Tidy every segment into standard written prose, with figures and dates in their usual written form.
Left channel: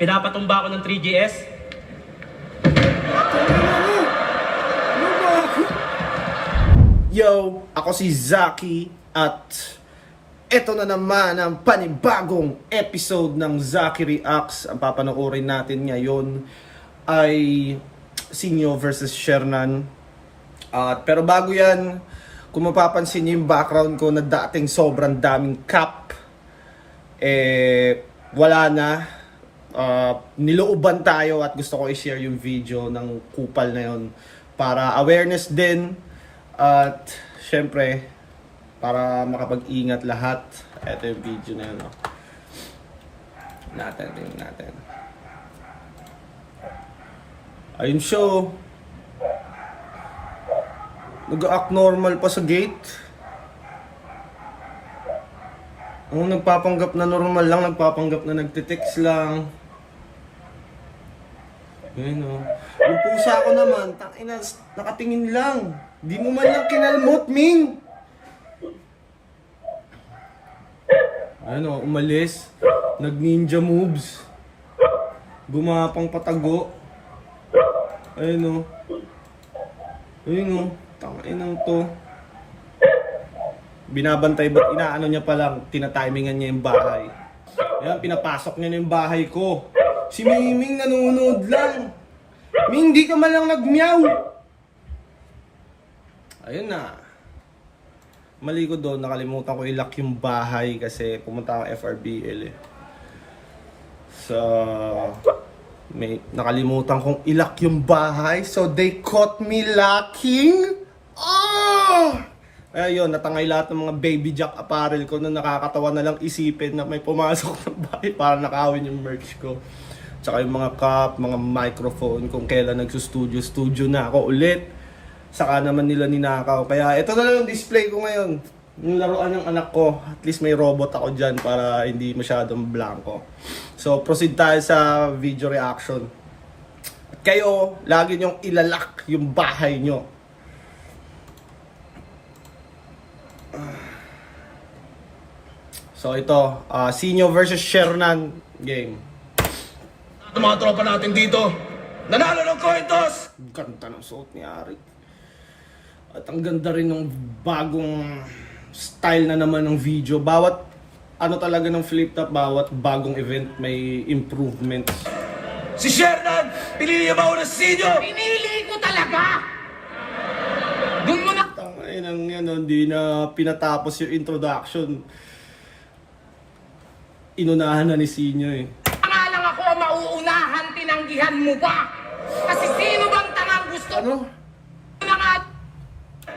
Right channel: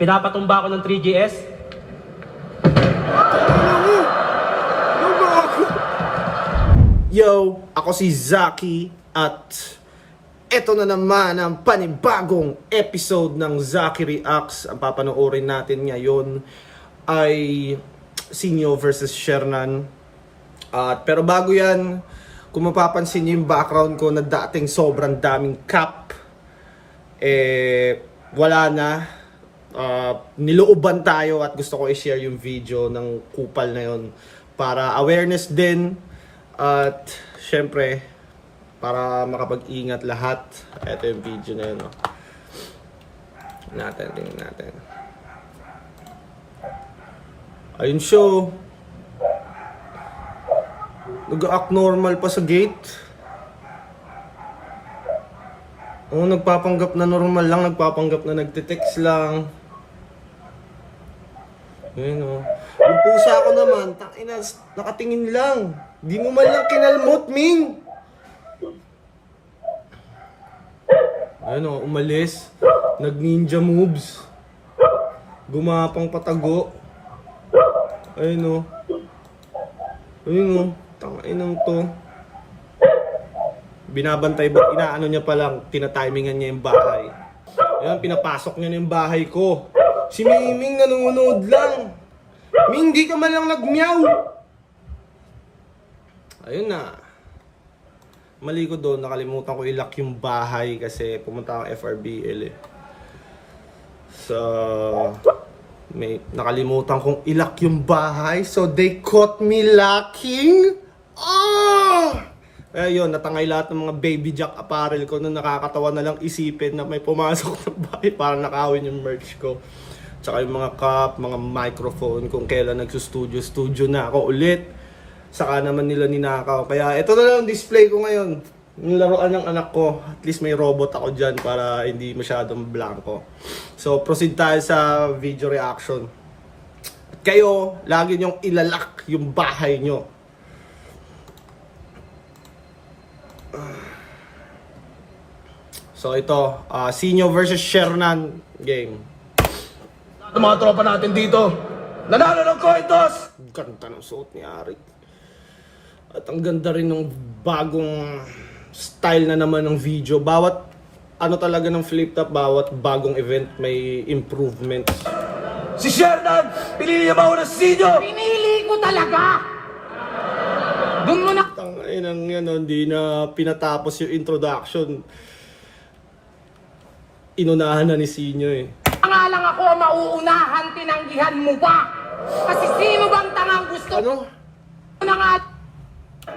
Pinapatumba ako ng 3GS. Yo, ako si Zaki at eto na naman ang panibagong episode ng Zaki Reacts. Ang papanoorin natin ngayon ay Sinyo versus Shernan. Pero bago yan, kung mapapansin niyo yung background ko na dating sobrang daming cap, wala na. Nilooban tayo at gusto ko i-share yung video ng kupal na yun para awareness din. At syempre, para makapag-ingat lahat. Ito yung video na yun. Tingnan natin. Ayun siya. Nag-act normal pa sa gate. Nagpapanggap na normal lang. Nagpapanggap na nagte-text lang. Ayun Yung pusa ko naman, nakatingin lang. Di mo man lang kinalmot, Ming. Ayun umalis. Nag-ninja moves. Gumapang patago. Ayun tanginang to. Binabantay ba't inaano niya palang, tinatimingan niya yung bahay. Ayan, pinapasok niya na yung bahay ko. Si Ming nanonood lang. Ming, di ka man lang nagmeow. Ayun na. Mali ko doon, nakalimutan ko i-lock yung bahay kasi pumunta akong FRBL So, nakalimutan kong i-lock yung bahay. So, they caught me locking. Ayun, natangay lahat ng mga baby jack apparel ko na nakakatawa na lang isipin na may pumasok ng bahay para nakawin yung merch ko. Tsaka yung mga cup, mga microphone, kung kailan nagsustudio na ako ulit. Saka naman nila ninakaw. Kaya ito na lang yung display ko ngayon. Yung laruan ng anak ko. At least may robot ako dyan para hindi masyadong blanco. So proceed tayo sa video reaction. At kayo, lagi nyong ilalak yung bahay nyo. So ito, Sinyo versus Shernan game. At mga tropa natin dito, nanalo ng coin toss! Ganda ng suot ni Arik. At ang ganda rin ng bagong style na naman ng video. Bawat talaga ng flip top, bawat bagong event may improvement. Si Shernan, pinili niya ba ako ng Sinyo? Pinili ko talaga! Doon mo na... Tanginang yan, hindi na pinatapos yung introduction. Inunahan na ni Sinyo Nga lang ako mauunahan, tinanggihan mo pa! Kasi sino bang tangang gusto na nga...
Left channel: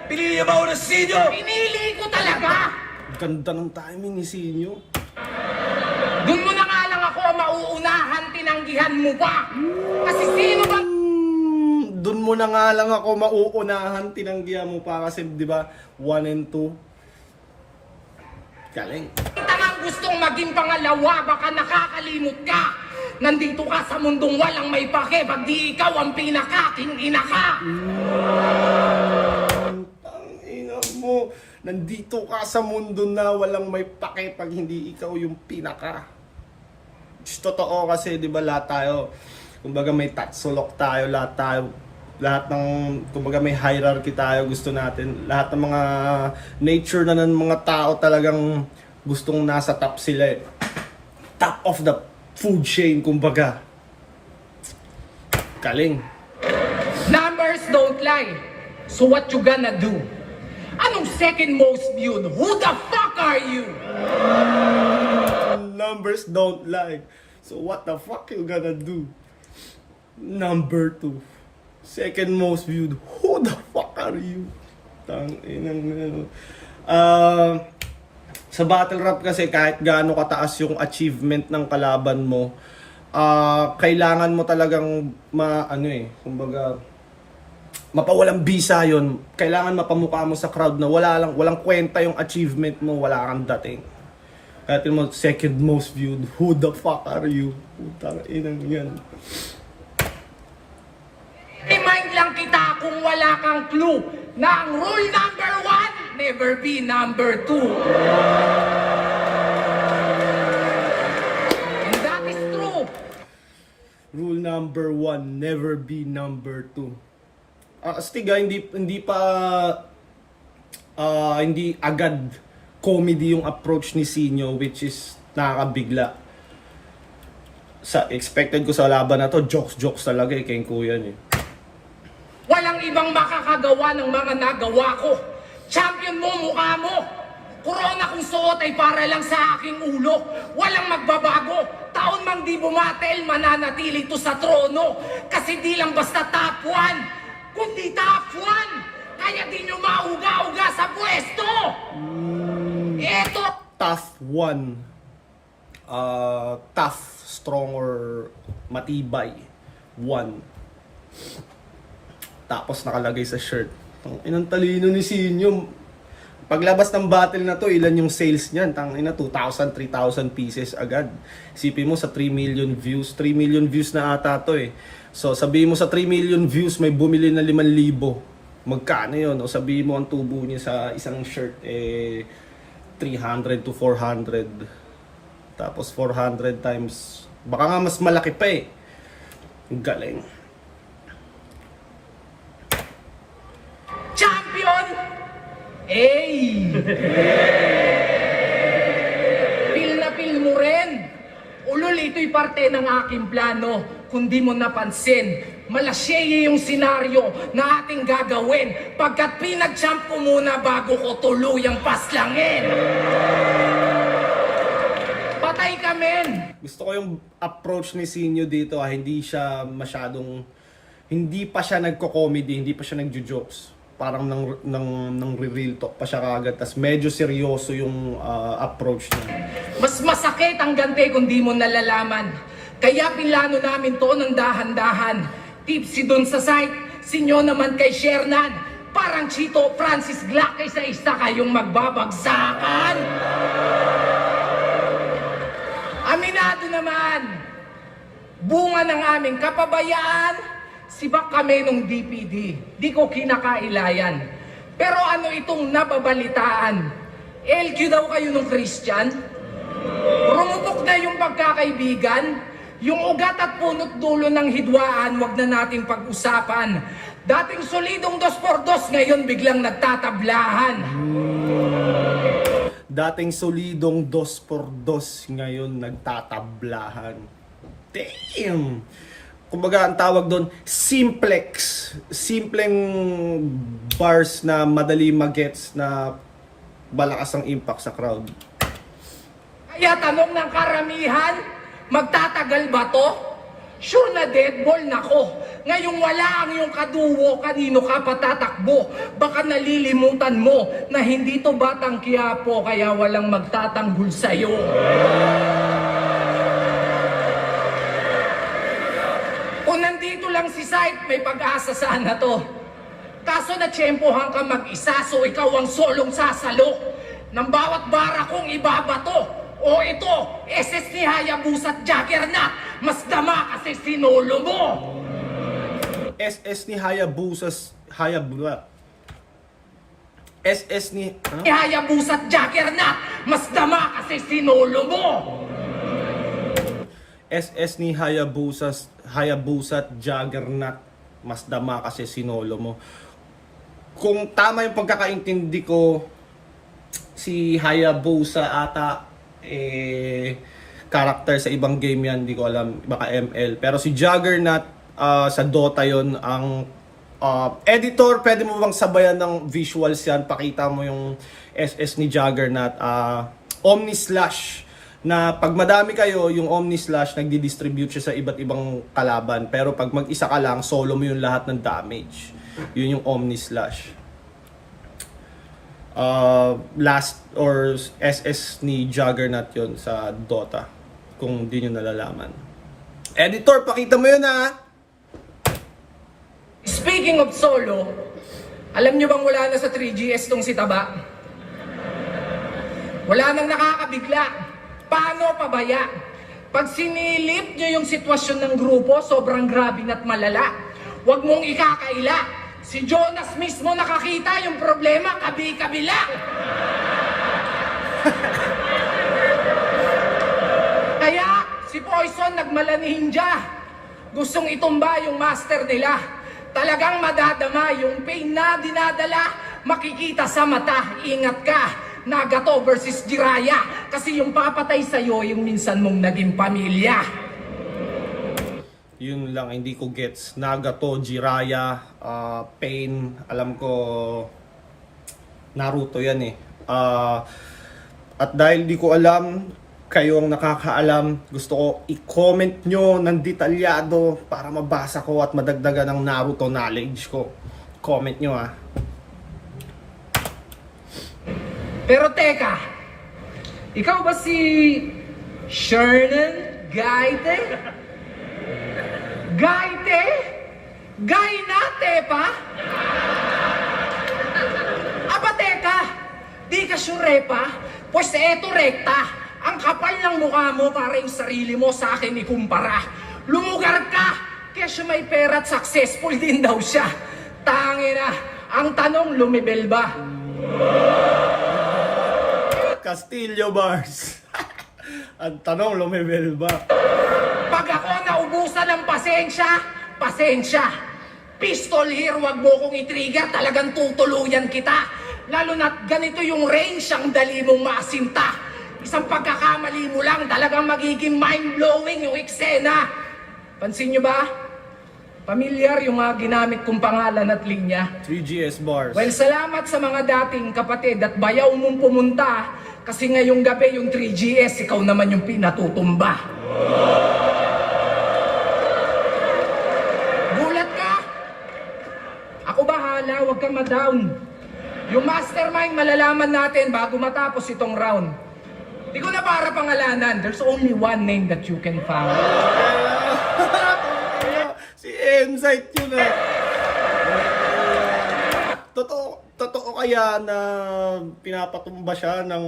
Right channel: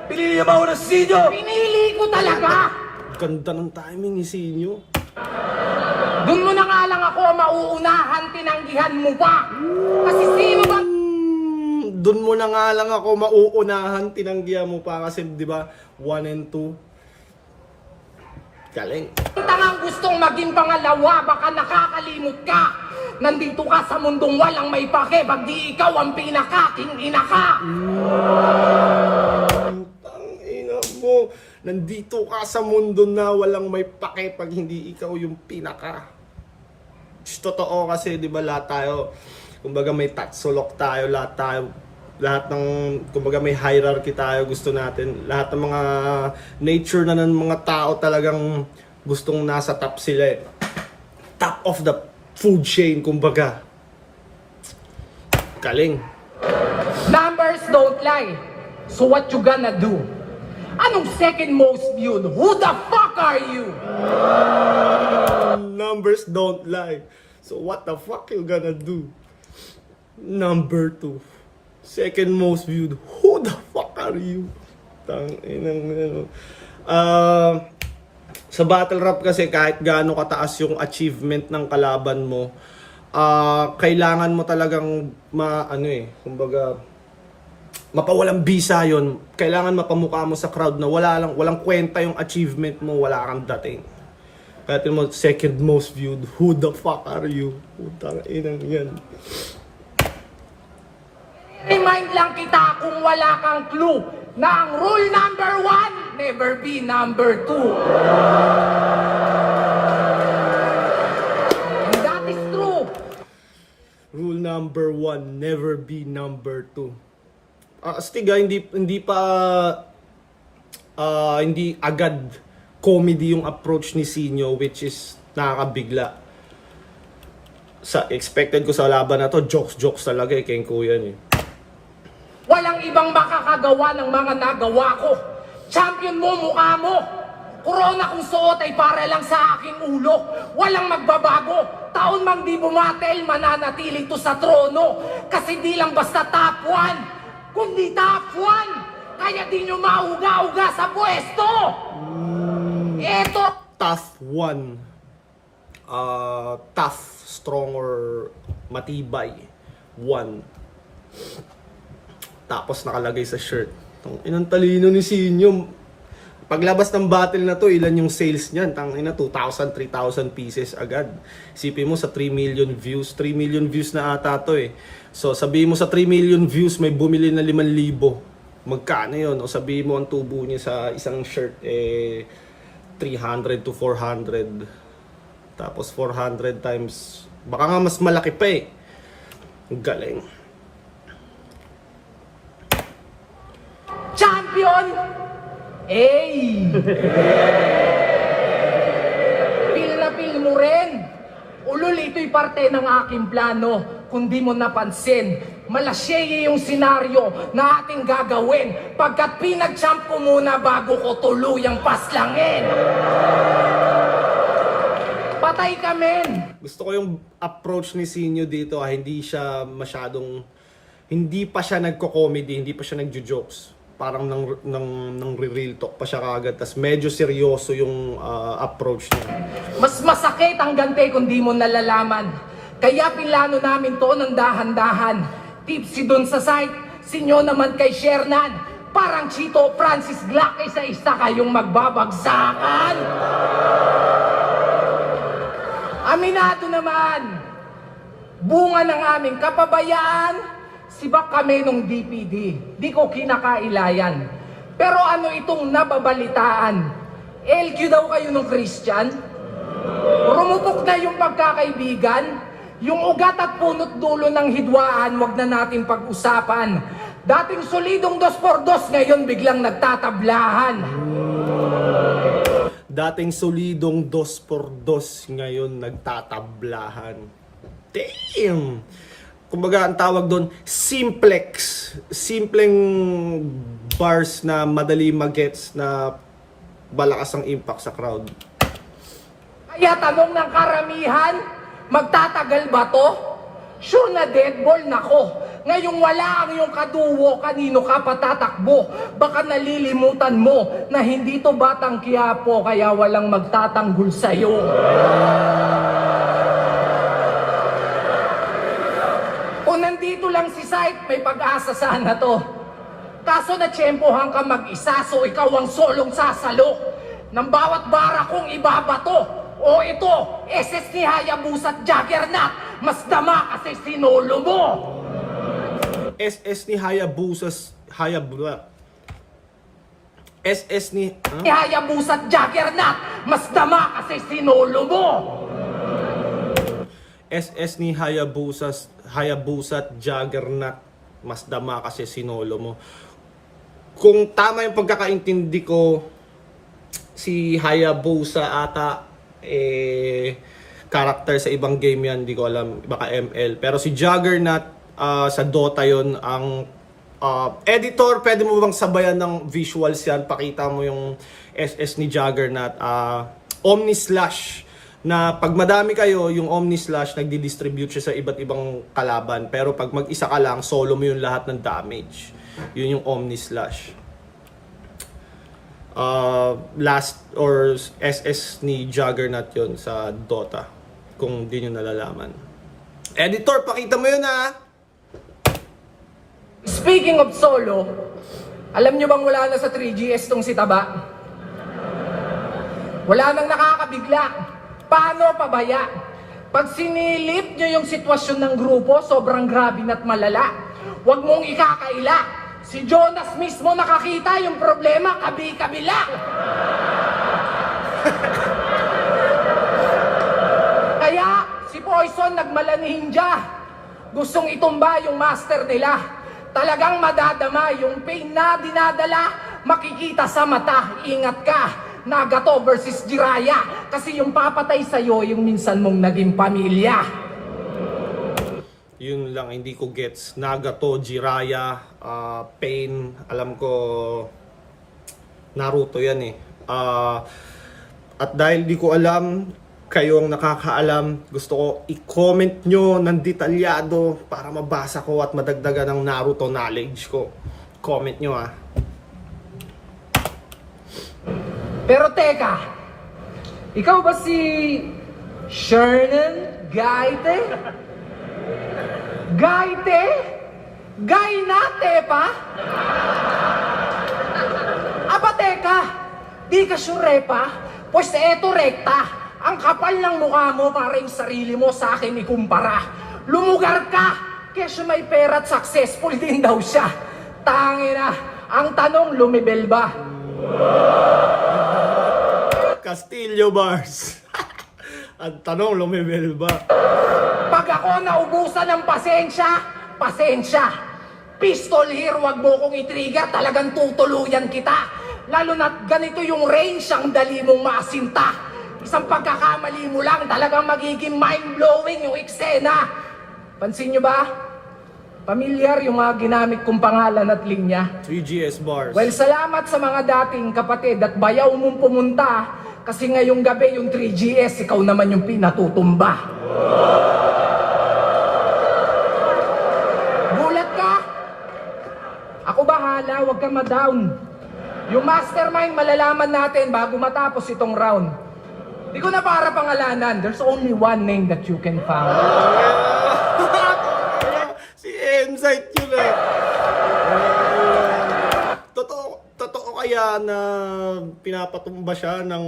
Pinili niya ba ako ng Sinyo? Pinili ko talaga! Ganda ng timing ni Sinyo. Doon mo na nga lang ako mauunahan, tinanggihan mo pa! Kasi sino bang... Doon mo na nga lang ako mauunahan, tinanggihan mo pa kasi 'di ba 1 and 2. Galing. tangang gustong maging pangalawa, baka nakakalimot ka! Nandito ka sa mundong walang may pake, pag di ikaw ang pinakaking ina ka! Tangina mo. Nandito ka sa mundo na walang may pake pag hindi ikaw yung pinaka. Totoo kasi 'di ba lahat tayo, kumbaga may tatsulok tayo, lahat ng kumbaga may hierarchy tayo, gusto natin lahat ng mga nature na ng mga tao talagang gustong nasa top sila top of the food chain kumbaga. Galing. Numbers don't lie. So what you gonna do? Anong second most viewed? Who the fuck are you? Numbers don't lie. So what the fuck you gonna do? Number 2. Second most viewed. Who the fuck are you? Sa battle rap kasi kahit gaano kataas yung achievement ng kalaban mo, kailangan mo talagang kumbaga mapawalang bisa yon. Kailangan mapamukha mo sa crowd na walang kwenta yung achievement mo, wala kang dating. Kaya mo second most viewed. Who the fuck are you? Putang inang yan. Remind lang kita kung wala kang clue na ang rule number 1, never be number 2. And that is true. Rule number 1, never be number 2. Astig hindi agad comedy yung approach ni Sinyo, which is nakakabigla. Sa expected ko sa laban na to, jokes talaga kay Kuya eh. Walang ibang makakagawa ng mga nagawa ko. Champion mo, mukha mo. Corona kung suot ay para lang sa aking ulo. Walang magbabago. Taon mang di bumatel, mananatili to sa trono. Kasi di lang basta top 1, kundi top 1. Kaya di nyo mauga-uga sa pwesto. Eto. Tough 1. Tough, strong, or matibay. 1. Tapos nakalagay sa shirt. Inang talino ni Sinyo. Paglabas ng battle na to, ilan yung sales niyan? 2,000, 3,000 pieces agad. Isipin mo sa 3 million views. 3 million views na ata to eh. So sabihin mo sa 3 million views may bumili na 5,000. Magkano yun? O sabihin mo ang tubo niya sa isang shirt 300 to 400. Tapos 400 times, baka nga mas malaki pa eh. Galing. Champion! Hey! Pil na pil mo rin. Ulul, ito'y parte ng aking plano. Kung di mo napansin, malasyeye yung senaryo na ating gagawin pagkat pinag-champ ko muna bago ko tuluyang paslangin. Patay ka, men! Gusto ko yung approach ni Sinyo dito, hindi siya masyadong, hindi pa siya nagko-comedy, hindi pa siya nagjo-jokes. Parang nang real talk pa siya kagad, tas medyo seryoso yung approach niya. Mas masakit ang gante kung di mo nalalaman. Kaya pinlano namin to ng dahan-dahan. Tipsy dun sa site, Sinyo naman kay Shernan. Parang Chito Francis Glock sa isa kayong magbabagsakan. Aminado naman, bunga ng aming kapabayaan, sibak kami nung DPD. Di ko kinakailayan. Pero ano itong nababalitaan? LQ daw kayo nung Christian? Rumupok na yung pagkakaibigan? Yung ugat at punot dulo ng hidwaan, wag na natin pag-usapan. Dating solidong 2x2, ngayon biglang nagtatablahan. Dating solidong 2x2, ngayon nagtatablahan. Damn! Kumbaga ang tawag doon, simplex. Simpleng bars na madali magets na malakas ang impact sa crowd. Kaya tanong ng karamihan, magtatagal ba to? Sure na dead ball na ko. Ngayong wala ang iyong kaduwo, kanino ka patatakbo? Baka nalilimutan mo na hindi to Batang Quiapo, kaya walang magtatanggol sa'yo. Kung nandito lang si Sight, may pag-asa sana to. Kaso natsyempohan ka mag-isa, so ikaw ang solong sasalo. Nang bawat bara kong ibabato. O ito, SS ni Hayabusa't Juggernaut, mas dama kasi sinolo mo. SS ni Hayabusa's SS ni Hayabusa't Juggernaut, mas dama kasi sinolo mo. SS ni Hayabusa't Juggernaut, mas dama kasi sinolo mo. Kung tama yung pagkakaintindi ko, si Hayabusa ata character sa ibang game yan, hindi ko alam, baka ML. Pero si Juggernaut sa Dota yon ang editor, pwede mo bang sabayan ng visuals yan? Pakita mo yung SS ni Juggernaut. Omni Slash, na pag madami kayo, yung Omni Slash nagdi-distribute siya sa iba't ibang kalaban. Pero pag mag-isa ka lang, solo mo yung lahat ng damage. Yun yung Omni Slash. Last or SS ni Juggernaut yon sa Dota, kung di nyo nalalaman. Editor, pakita mo yun ha. Speaking of solo, alam nyo bang wala na sa 3GS tong si Taba? Wala nang nakakabigla. Paano pabaya? Pag sinilip nyo yung sitwasyon ng grupo, sobrang grabe at malala. Huwag mong ikakaila. Si Jonas mismo nakakita yung problema, kabi-kabila. Kaya si Poison nagmala ninja. gustong itumba yung master nila. Talagang madadama yung pain na dinadala, makikita sa mata, ingat ka. Nagato versus Jiraiya, kasi yung papatay sa'yo yung minsan mong naging pamilya. Yun lang, hindi ko gets. Nagato, Jiraiya, Pain, alam ko Naruto yan eh. At dahil di ko alam, kayo ang nakakaalam, gusto ko i-comment nyo ng detalyado para mabasa ko at madagdagan ng Naruto knowledge ko. Comment nyo ah. Pero teka, ikaw ba si Shernan Gaite? Gaite? Gainate pa? Aba teka, di ka sure pa? Pues eto rekta. Ang kapal ng mukha mo para yung sarili mo sa akin ikumpara. Lumugar ka! Kesyo may pera at successful din daw siya. Tangina, ang tanong lumibel ba? Castillo Bars. Ang tanong, lumibel ba? Pag ako naubusan ng pasensya, pasensya. Pistol here, wag mo kong itrigger, talagang tutuluyan kita. Lalo na't ganito yung range ang dali mong maasinta. Isang pagkakamali mo lang, talagang magiging mind-blowing yung eksena. Pansin nyo ba? Pamilyar yung mga ginamit kong pangalan at linya. 3GS Bars. Well, salamat sa mga dating kapatid at bayaw mong pumunta kasi ngayong gabi yung 3GS, ikaw naman yung pinatutumba. Gulat ka? Ako bahala, huwag kang ma-down. Yung mastermind malalaman natin bago matapos itong round. Di ko na para pangalanan, there's only one name that you can find. Si Insight yun ah. Totoo kaya na pinapatumba siya ng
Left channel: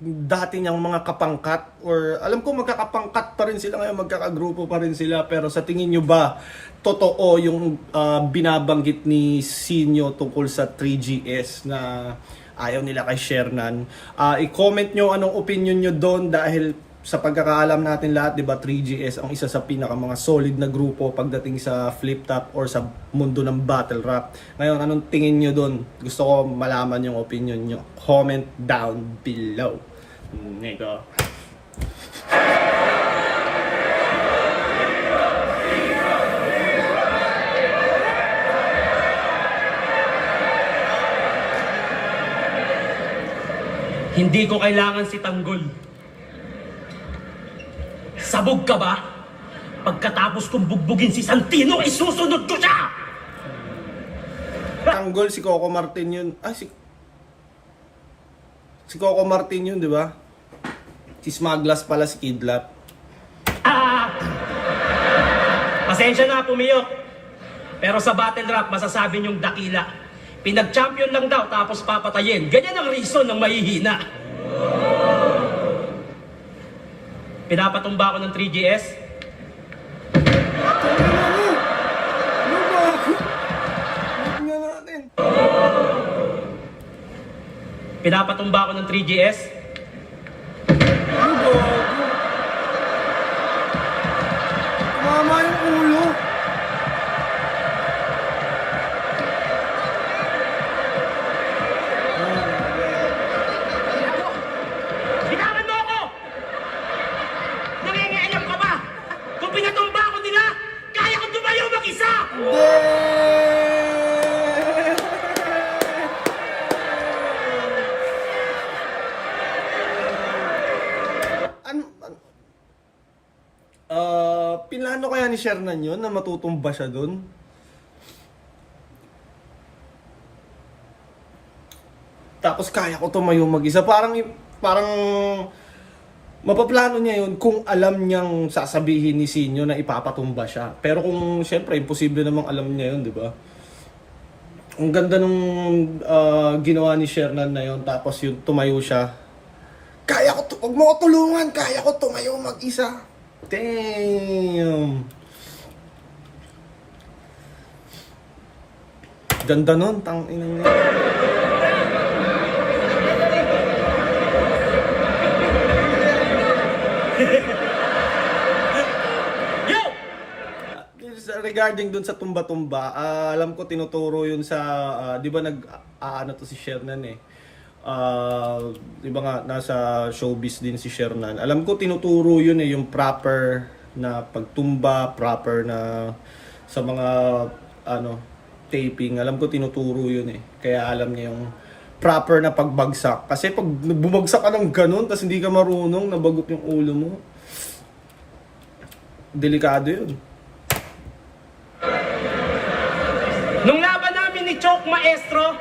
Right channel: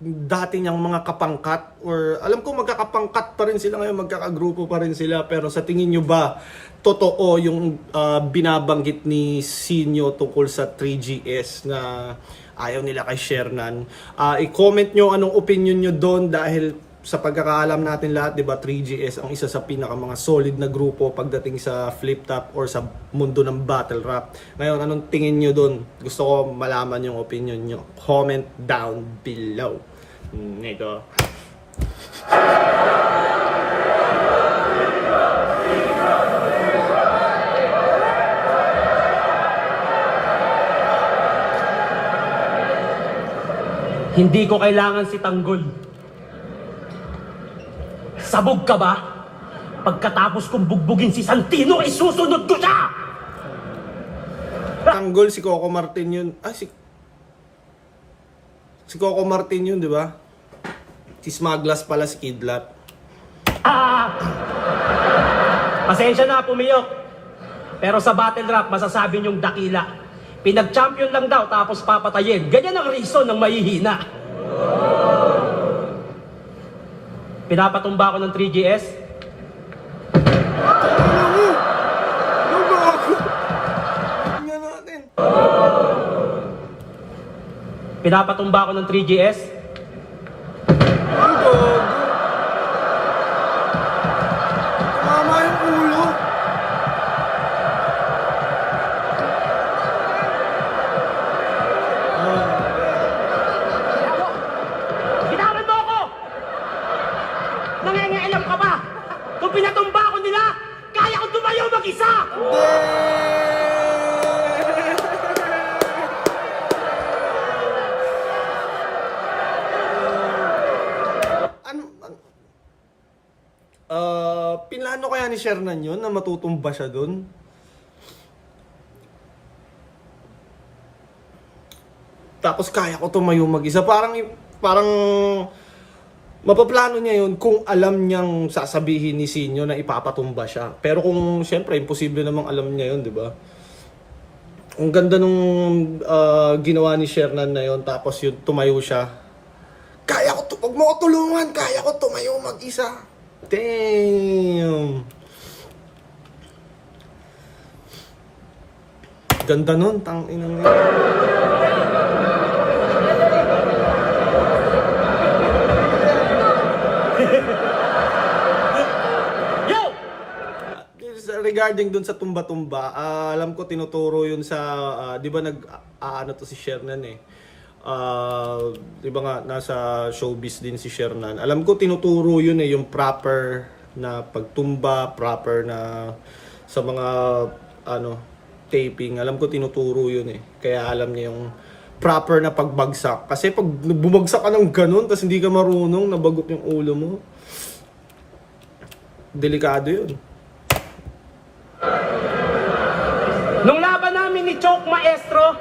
dati niyang mga kapangkat, or alam ko magkakapangkat pa rin sila ngayon, magkakagrupo pa rin sila, pero sa tingin nyo ba totoo yung binabanggit ni Sinyo tungkol sa 3GS na ayaw nila kay Shernan? I-comment nyo anong opinion nyo doon, dahil sa pagkakaalam natin lahat, 'di ba, 3GS ang isa sa pinaka mga solid na grupo pagdating sa flip top or sa mundo ng battle rap. Ngayon, anong tingin nyo doon? Gusto ko malaman yung opinion nyo. Comment down below. Ito. Hindi ko kailangan si Tanggol. Sabog ka ba? Pagkatapos kong bugbugin si Santino, isusunod ko siya! Tanggol, si Coco Martin yun. Si Coco Martin yun, di ba? Si Smaglas pala, si Kidlat. Pasensya na, pumiyok. Pero sa battle rap, masasabi niyong dakila. Pinag-champion lang daw, tapos papatayin. Ganyan ang reason ng mahihina. Pinapatumba ako ng 3GS. Ano ba ako? Nga natin. Pinapatumba ako ng 3GS. Ano ba ako? Tumama yung ulo. Binawan mo ako! Nangingialam ka ba? Kung pinatumba ako nila, kaya kong tumayo mag-isa! Pinlano kaya ni Shernan yun na matutumba siya dun? Tapos kaya ko tumayo mag-isa. Parang mapaplano niya yun kung alam niyang sasabihin ni Sinyo na ipapatumba siya. Pero kung siyempre imposible namang alam niya yun, di ba? Ang ganda nung ginawa ni Shernan na yun, tapos yun tumayo siya. Kaya ko, wag mo ko tulungan, kaya ko tumayo mag-isa. Damn. Ganda nun, tang-inang niya. regarding dun sa tumba-tumba, alam ko tinuturo yun sa, di ba ano to si Shernan eh. Di ba nga, nasa showbiz din si Shernan. Alam ko tinuturo yun eh, yung proper na pagtumba, proper na sa mga, taping. Alam ko tinuturo yun eh. Kaya alam niya yung proper na pagbagsak. Kasi pag bumagsak ka ng ganun, tapos hindi ka marunong, nabagok yung ulo mo, delikado yun. Nung laban namin ni Choke Maestro,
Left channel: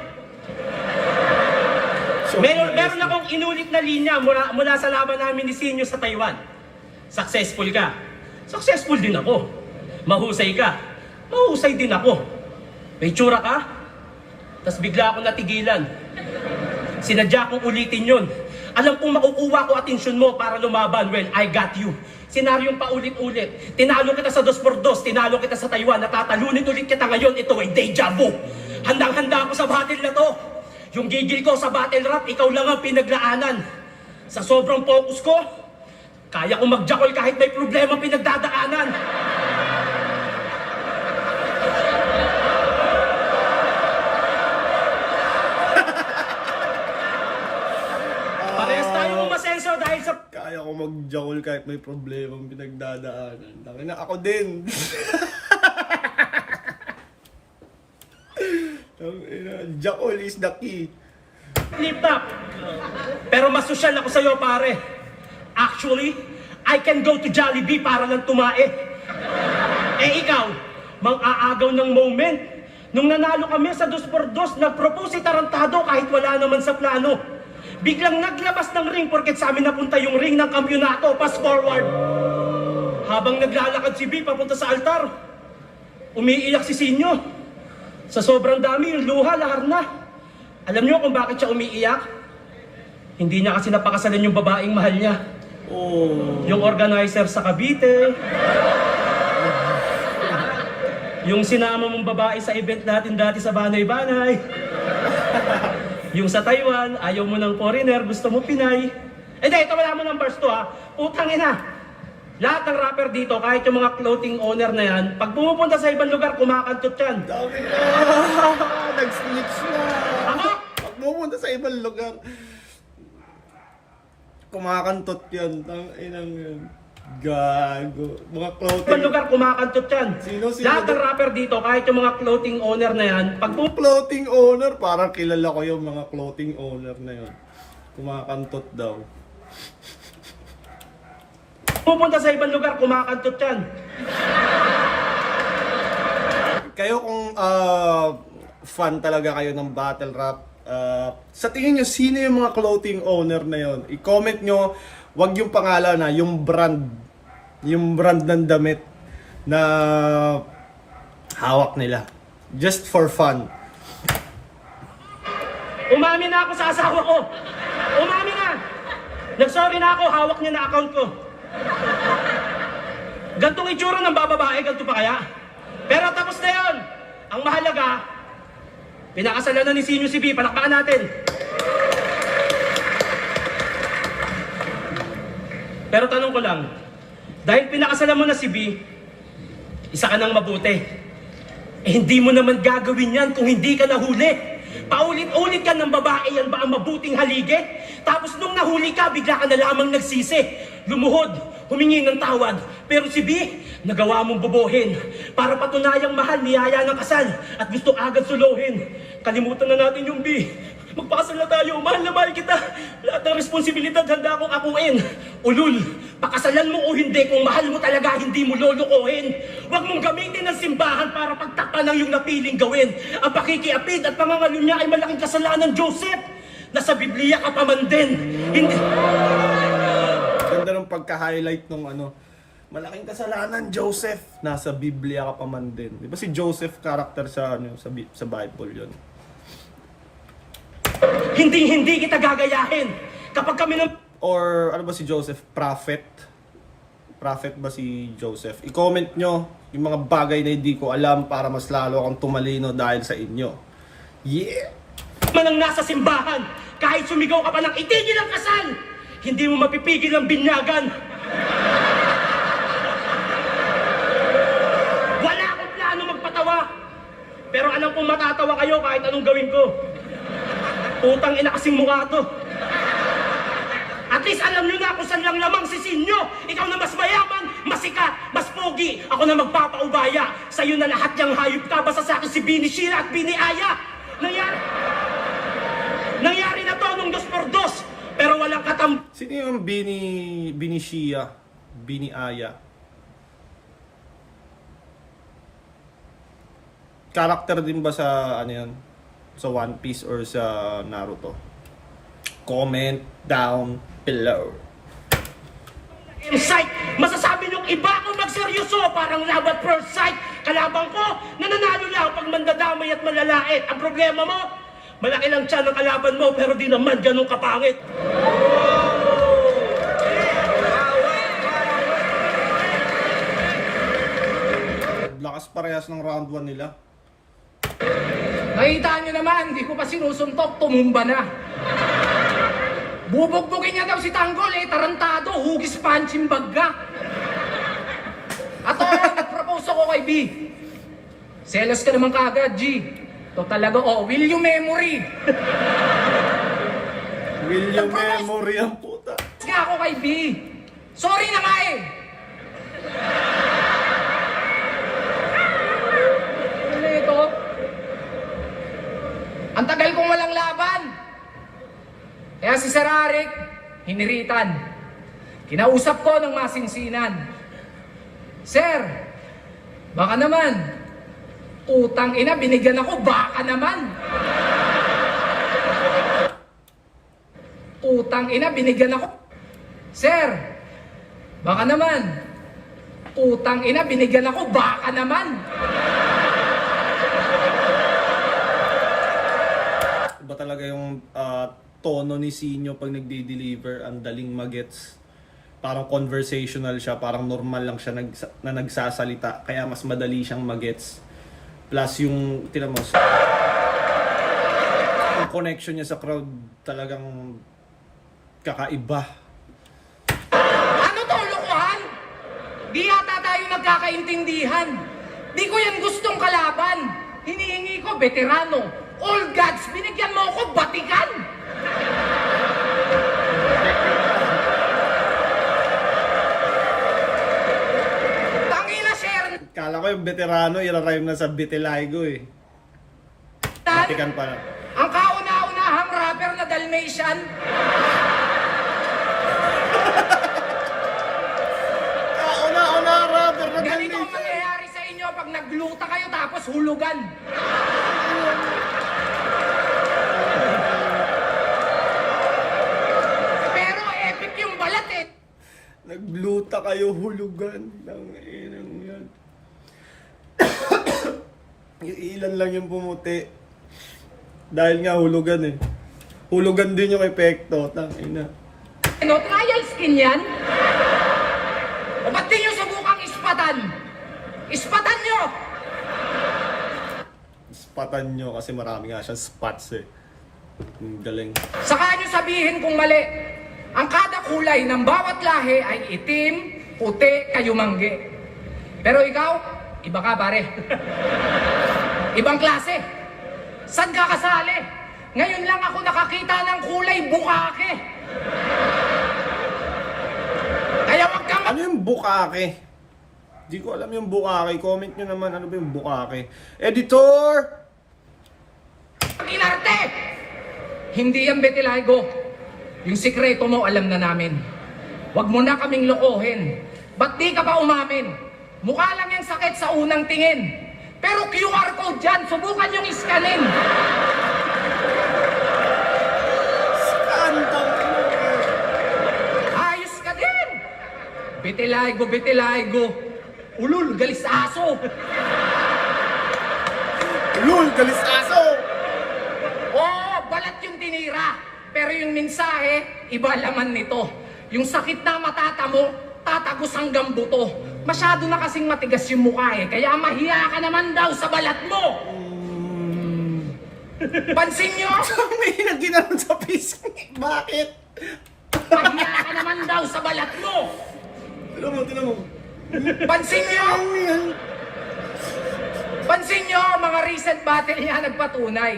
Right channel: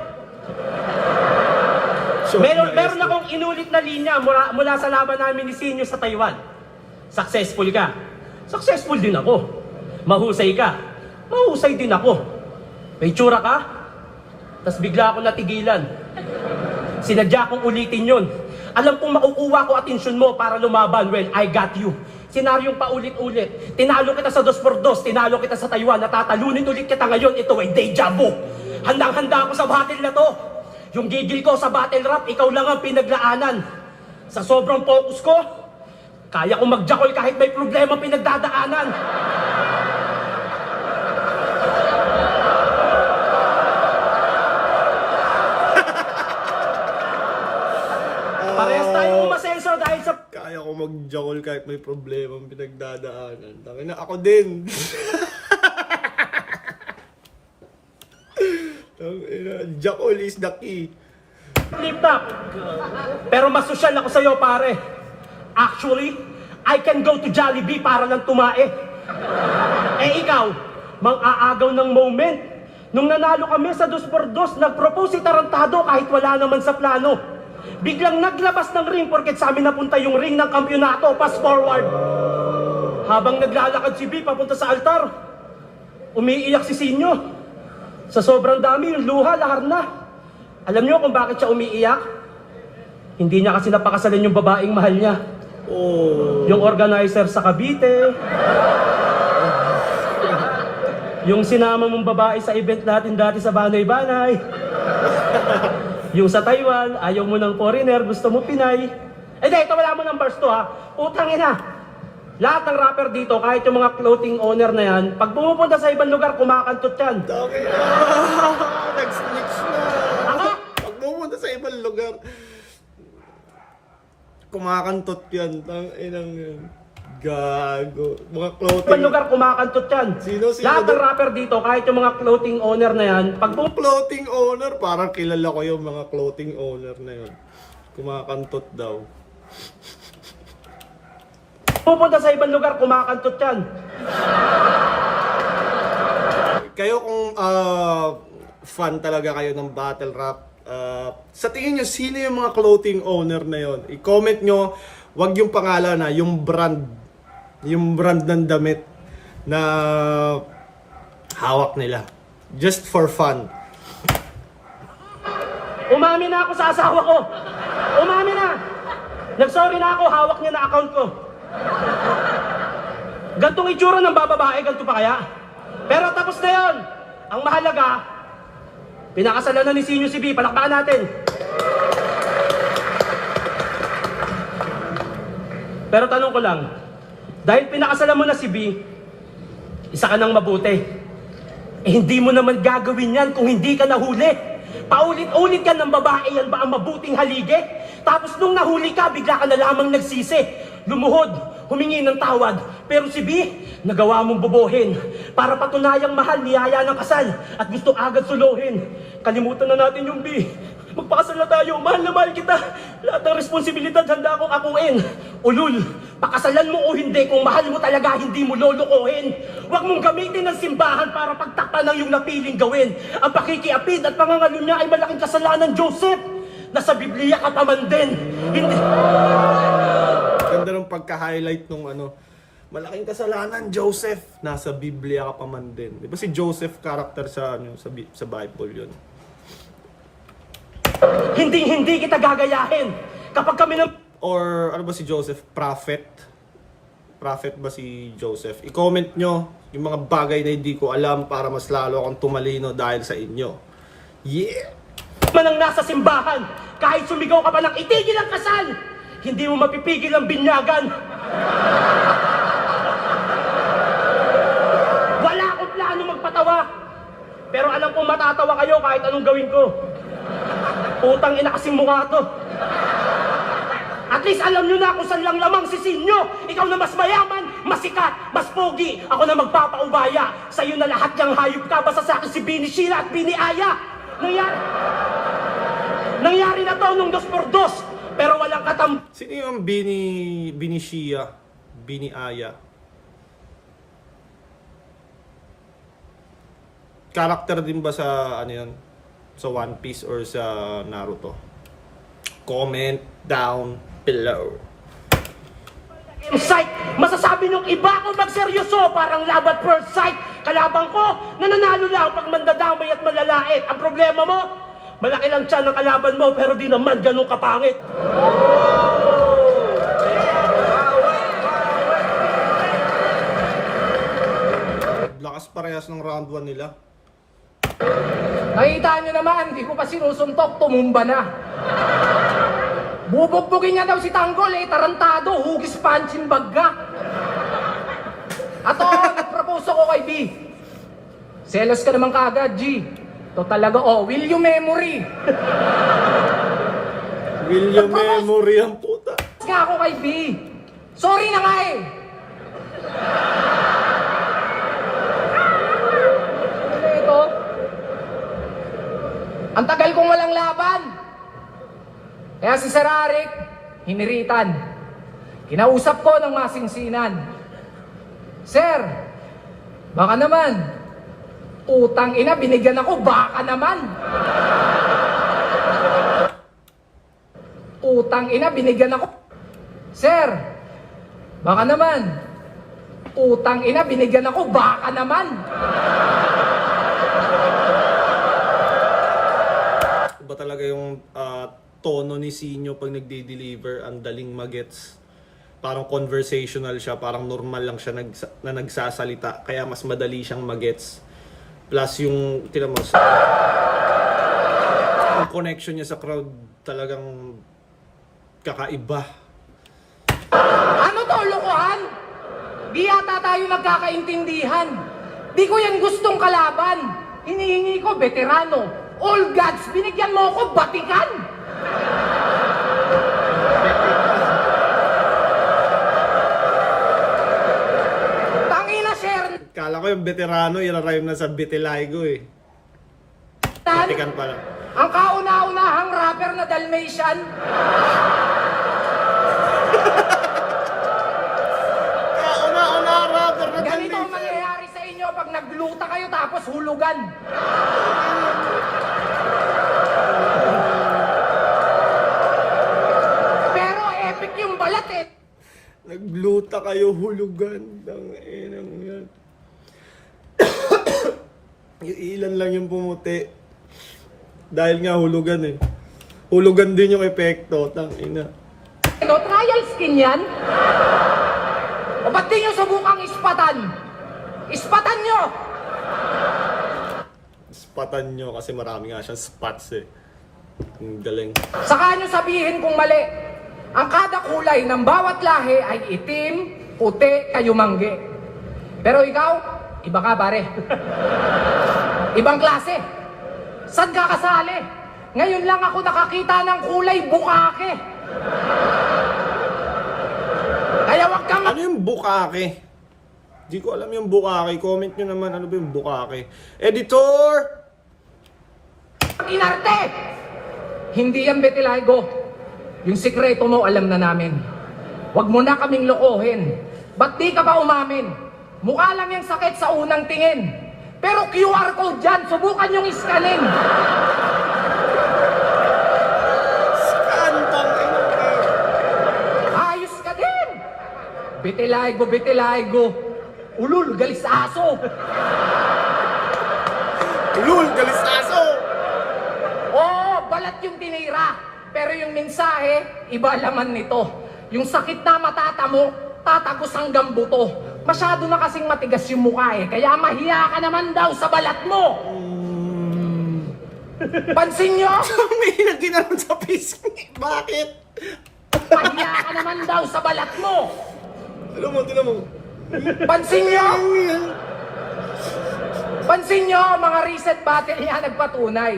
meron akong inulit na linya mula sa laban namin ni Sinyo sa Taiwan. Successful ka. Successful din ako. Mahusay ka. Mahusay din ako. May tsura ka. Tapos bigla ako natigilan. Sinadya kong ulitin yun. Alam kong makukuha ko atensyon mo para lumaban. Well, I got you. Senaryong paulit-ulit. Tinalo kita sa 2x2, tinalo kita sa Taiwan, natatalunin ulit kita ngayon. Ito ay deja vu. Handang-handa ako sa battle na to. Yung gigil ko sa battle rap, ikaw lang ang pinaglaanan. Sa sobrang focus ko, kaya kong magjakol kahit may problema pinagdadaanan. Parehas tayong umasenso dahil sa... Kaya ko mag-jackal kahit may problema ang pinagdadaanan. Tangina, ako din. Jackal is the key. Lift up. Pero mas sosyal ako sa'yo, pare. Actually, I can go to Jollibee para lang tumae. Eh ikaw, mang-aagaw ng moment. Nung nanalo kami sa 2x2, nag-propose si Tarantado kahit wala naman sa plano. Biglang naglabas ng ring porket sa amin napunta yung ring ng kampyonato. Pass forward. Habang naglalakad si B papunta sa altar, umiiyak si Sinyo. Sa sobrang dami, yung luha, lahar na. Alam niyo kung bakit siya umiiyak? Hindi niya kasi napakasalan yung babaeng mahal niya. Oh. Yung organizer sa Cavite. Yung sinama mong babae sa event natin dati sa Banay-Banay. Yung sa Taiwan, ayaw mo ng foreigner, gusto mo Pinay. Hindi, ito wala mo ng verse to ha. Utang ina. Lahat ng rapper dito, kahit yung mga clothing owner na yan, pag pumupunta sa ibang lugar, kumakantot yan. Dami na. Nag-snitch na. Ako? Pag pumunta sa ibang lugar, kumakantot yan. Tanginang yan. Gago. Mga clothing. Ibang lugar, kumakantot yan. Sino Lahat ng rapper dito, kahit yung mga clothing owner na yan, pag Yung clothing owner, parang kilala ko yung mga clothing owner na yun. Kumakantot daw. pupunta sa ibang lugar, kumakantot yan. Kayo kung fan talaga kayo ng battle rap, sa tingin nyo, sino yung mga clothing owner na yon? I-comment nyo, wag yung pangalan na, yung brand ng damit na hawak nila. Just for fun. Umami na ako sa asawa ko. Umami na. Nagsorry na ako, hawak niya na account ko. Gantong itsura ng bababae, ganito pa kaya? Pero tapos na yon. Ang mahalaga, pinakasalan na ni Sinyo si B. Palakpakan natin. Pero tanong ko lang, dahil pinakasalan mo na si B, isa ka nang mabuti. Eh hindi mo naman gagawin yan kung hindi ka nahuli. Paulit-ulit ka ng babae, yan ba ang mabuting haligi? Tapos nung nahuli ka, bigla ka na lamang nagsisi. Lumuhod, humingi ng tawad. Pero si B, nagawa mong bobohin. Para patunayang mahal, niyaya ng kasal. At gusto agad suluhin. Kalimutan na natin yung B. Magpakasal na tayo, mahal na mahal kita. Lahat ng responsibilidad handa akong akuin. Ulul, pakasalan mo o hindi, kung mahal mo talaga, hindi mo lolokohin. Huwag mong gamitin ng simbahan para pagtakpan ng iyong napiling gawin. Ang pakikiapid at pangangalo niya ay malaking kasalanan, Joseph. Nasa Biblia ka pa man din. Hindi... Ganda ng pagka-highlight nung ano, malaking kasalanan, Joseph. Nasa Biblia ka pa man din. Di ba si Joseph character sa sa Bible yun? Hindi kita gagayahin. Kapag kami ng... Or ano ba si Joseph? Prophet? Prophet ba si Joseph? I-comment nyo yung mga bagay na hindi ko alam para mas lalo akong tumalino dahil sa inyo. Yeah! Manang nasa simbahan, kahit sumigaw ka pa ng itigil ang kasal, hindi mo mapipigil ang binyagan. Wala akong plano matatawa kayo kahit anong gawin ko. Putang ina kasing mukha to. At least alam nyo na kung saan lang lamang sisin nyo. Ikaw na mas mayaman, mas sikat, mas pogi. Ako na magpapaubaya. Sa'yo na lahat yung hayop ka. Basta sa akin si Bini Sheila at Bini Aya. Nangyari na to nung 2x2. Pero walang Sino yung Bini Shia? Bini Aya? Character din ba sa ano yan? Sa One Piece or sa Naruto? Comment down below. insight. Masasabi nung iba kung magseryoso, parang love at first sight. Kalabang ko, nananalo lang pag mandadamay at malalait. Ang problema mo, malaki lang tiyan ng kalaban mo, pero di naman ganun kapangit. Lakas parehas ng round 1 nila. Nakita nyo naman, hindi ko pa sinusuntok, tumumba na. Bubugbugin niya daw si Tanggol tarantado, hugis punching bagga. At nag-propose ako kay B. Selos ka naman kaagad, G. To talaga, will you memory? Will you memory ang puta? Nga ako kay B. Sorry na nga eh. Ano ito? Ang tagal kong walang laban. Kaya si Sir Arik, hiniritan. Kinausap ko ng masingsinan. Sir, baka naman. Utang ina, binigyan ako, baka naman. Utang ina, binigyan ako. Sir, baka naman. Utang ina, binigyan ako, baka naman. Iba talaga yung tono ni Sinyo pag nagde-deliver, ang daling magets. Parang conversational siya, parang normal lang siya na nagsasalita, kaya mas madali siyang magets. Plus yung, tinan mo, yung connection niya sa crowd talagang kakaiba. Ano to, lokohan? Di yata tayo nagkakaintindihan. Di ko yan gustong kalaban. Hinihingi ko, veterano. All gods, binigyan mo ako, batikan. Tangina, sir. Kala ko yung veterano, i-rhyme na sa Vitiligo eh. Batikan pala. Ang kauna-unahang rapper na Dalmatian. Kauna-una rapper na Ganito ang Dalmatian. mangyayari sa inyo pag nagluta kayo tapos hulugan. Pero epic yung balat eh. Nagluta kayo, hulugan. Tanginang yan. Yung ilan lang yung pumuti. Dahil nga hulugan eh. Hulugan din yung epekto. Tangina. Ano, trial skin yan? O ba't di nyo subukang ispatan? Ispatan nyo! Spatan nyo kasi marami nga siyang spots eh. Ang galing. Saka nyo sabihin kung mali. Ang kada kulay ng bawat lahi ay itim, puti, kayumanggi. Pero ikaw, iba ka pare. Ibang klase. Saan ka kasali? Ngayon lang ako nakakita ng kulay bukake. Kaya wag kang Ano yung bukake? Di ko alam yung bukake. Comment nyo naman ano ba yung bukake. Editor! inarte. Hindi yan Betiligo. Yung sikreto mo alam na namin. Wag mo na kaming lokohin. Ba't di ka pa umamin? Mukha lang yung sakit sa unang tingin. Pero QR code dyan, subukan yung iskanin. Skandang ino. Ayos ka din. Betiligo, Betiligo. Ulul, galis aso. Lul, galis aso! Oo, balat yung tinira. Pero yung mensahe, iba laman nito. Yung sakit na matatamo, tatagos hanggang buto. Masyado na kasing matigas yung mukha eh. Kaya mahiya ka naman daw sa balat mo. Pansin nyo? May naginanon sa pisngi. Bakit? Mahiya ka naman daw sa balat mo. Tinan mo, tinan mo. Pansin nyo? Ano yan? Pansin nyo, mga recent battle niya nagpatunay.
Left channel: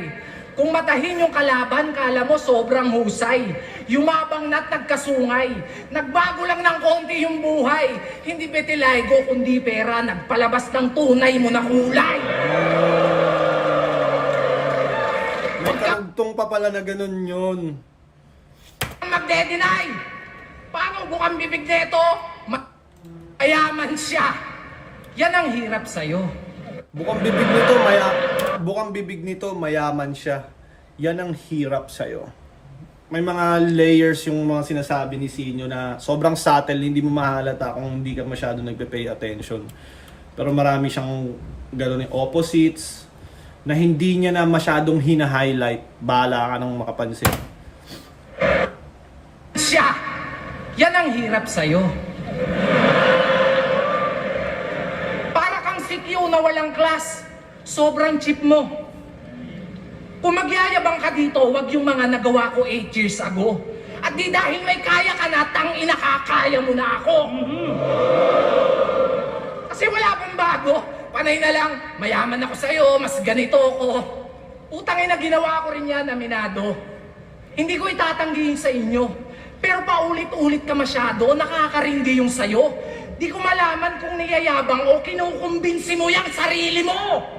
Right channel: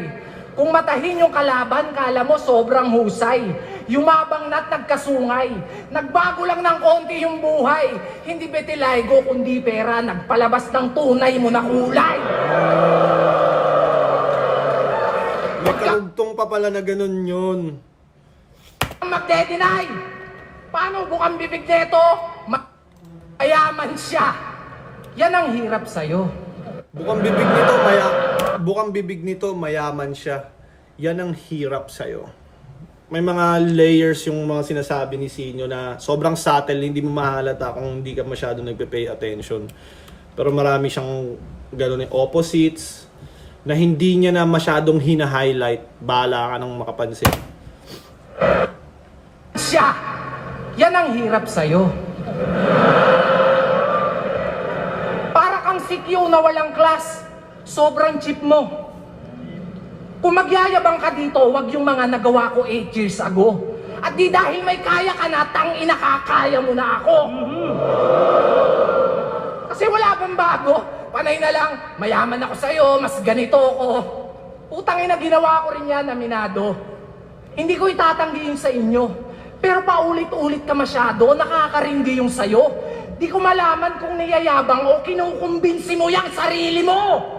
Kung matahin yung kalaban, kala mo sobrang husay. Yumabang na't nagkasungay. Nagbago lang ng konti yung buhay. Hindi betilaygo kundi pera. Nagpalabas ng tunay mo na kulay. May karugtong pa pala na ganun yun. Magde-deny. Paano bukang bibig neto? Mayaman siya. Yan ang hirap sa'yo. Bukang bibig nito, mayaman siya. Yan ang hirap sa'yo. May mga layers yung mga sinasabi ni Sinyo na sobrang subtle, hindi mo mahalata kung hindi ka masyado nagpe-pay attention. Pero marami siyang gano'n opposites na hindi niya na masyadong hina-highlight. Bahala ka nang makapansin. Siya. Yan ang hirap sa'yo. Para kang sikyo na walang class. Sobrang cheap mo. Kung magyayabang ka dito, wag yung mga nagawa ko 8 years ago. At di dahil may kaya ka na, tangina kakaya mo na ako. Kasi wala pang bago. Panay na lang, mayaman ako sa'yo, mas ganito ako. Utangin na ginawa ko rin yan, aminado. Hindi ko itatanggi yung sa inyo. Pero paulit-ulit ka masyado, nakakarindi yung sayo. Di ko malaman kung niyayabang o kinukumbinsi mo yung sarili mo.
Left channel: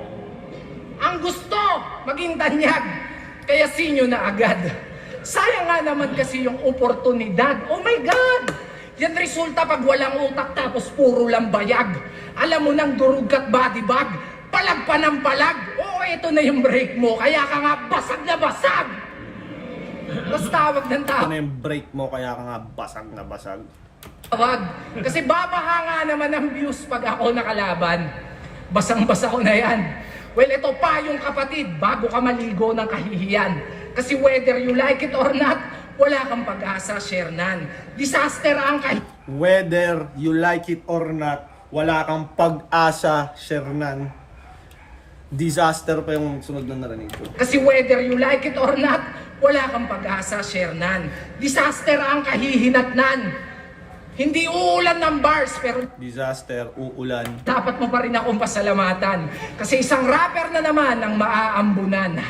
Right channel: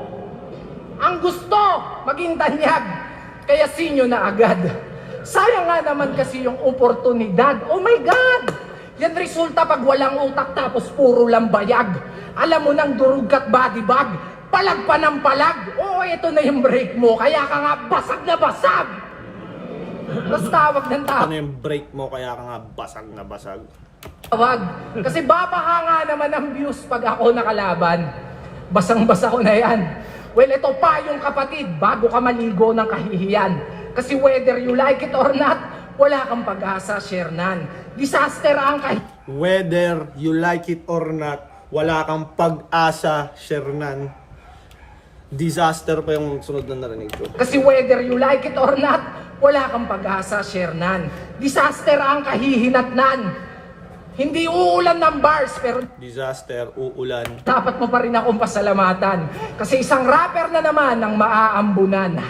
Ang gusto, maging tanyag. Kaya sinyo na agad. Sayang nga naman kasi yung oportunidad. Oh my God! Yan resulta pag walang utak tapos puro lang bayag. Alam mo nang durug at body bag. Palag pa ng palag. Oo, ito na yung break mo. Kaya ka nga basag na basag. Tapos tawag ng tawag. Ano yung break mo kaya ka nga basag na basag? Tawag. Kasi babaha nga naman ang views pag ako nakalaban. Basang-basa ko na yan. Well, ito pa yung kapatid, bago ka maligo ng kahihiyan. Kasi whether you like it or not, wala kang pag-asa, Shernan. Disaster ang Whether you like it or not, wala kang pag-asa, Shernan. Disaster pa yung sunod na narinig ko. Kasi whether you like it or not, wala kang pag-asa, Shernan. Disaster ang kahihinatnan. Hindi uulan ng bars, pero Disaster, uulan. dapat mo pa rin akong pasalamatan. Kasi isang rapper na naman ang maaambunan.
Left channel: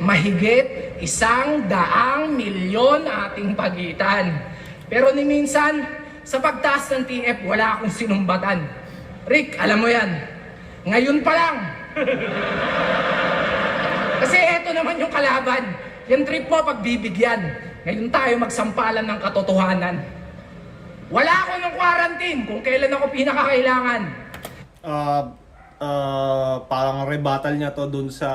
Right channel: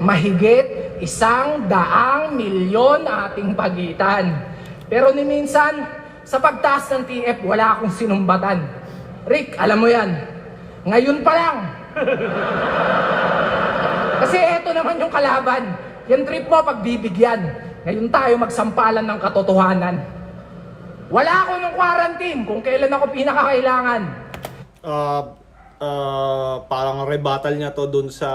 Mahigit 100 milyon ating pagitan. Pero ni minsan, sa pagtaas ng TF, wala akong sinumbatan. Rick, alam mo yan. Ngayon pa lang. Kasi eto naman yung kalaban. Yung trip mo pagbibigyan. Ngayon tayo magsampalan ng katotohanan. Wala ako ng quarantine kung kailan ako pinakakailangan. Parang rebuttal niya to dun sa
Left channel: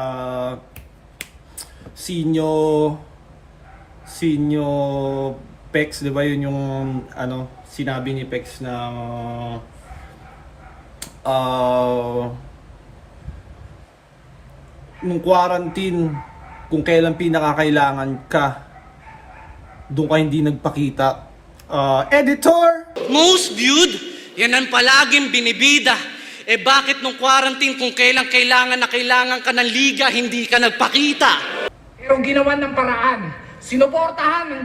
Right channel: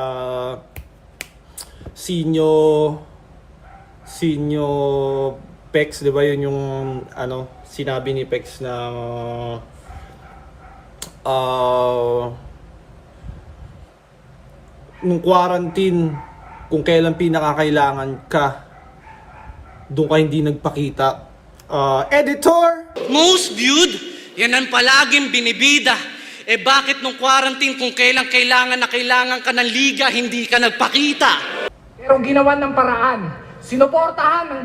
Sinyo Pex, di ba? Yun yung ano, sinabi ni Pex na nung quarantine, kung kailan pinakakailangan ka, doon ka hindi nagpakita. Editor! Most viewed, yan ang palaging binibida. Eh bakit nung quarantine kung kailan kailangan na kailangan ka ng liga, hindi ka nagpakita? Pero ginawan ng paraan. Sinuportahan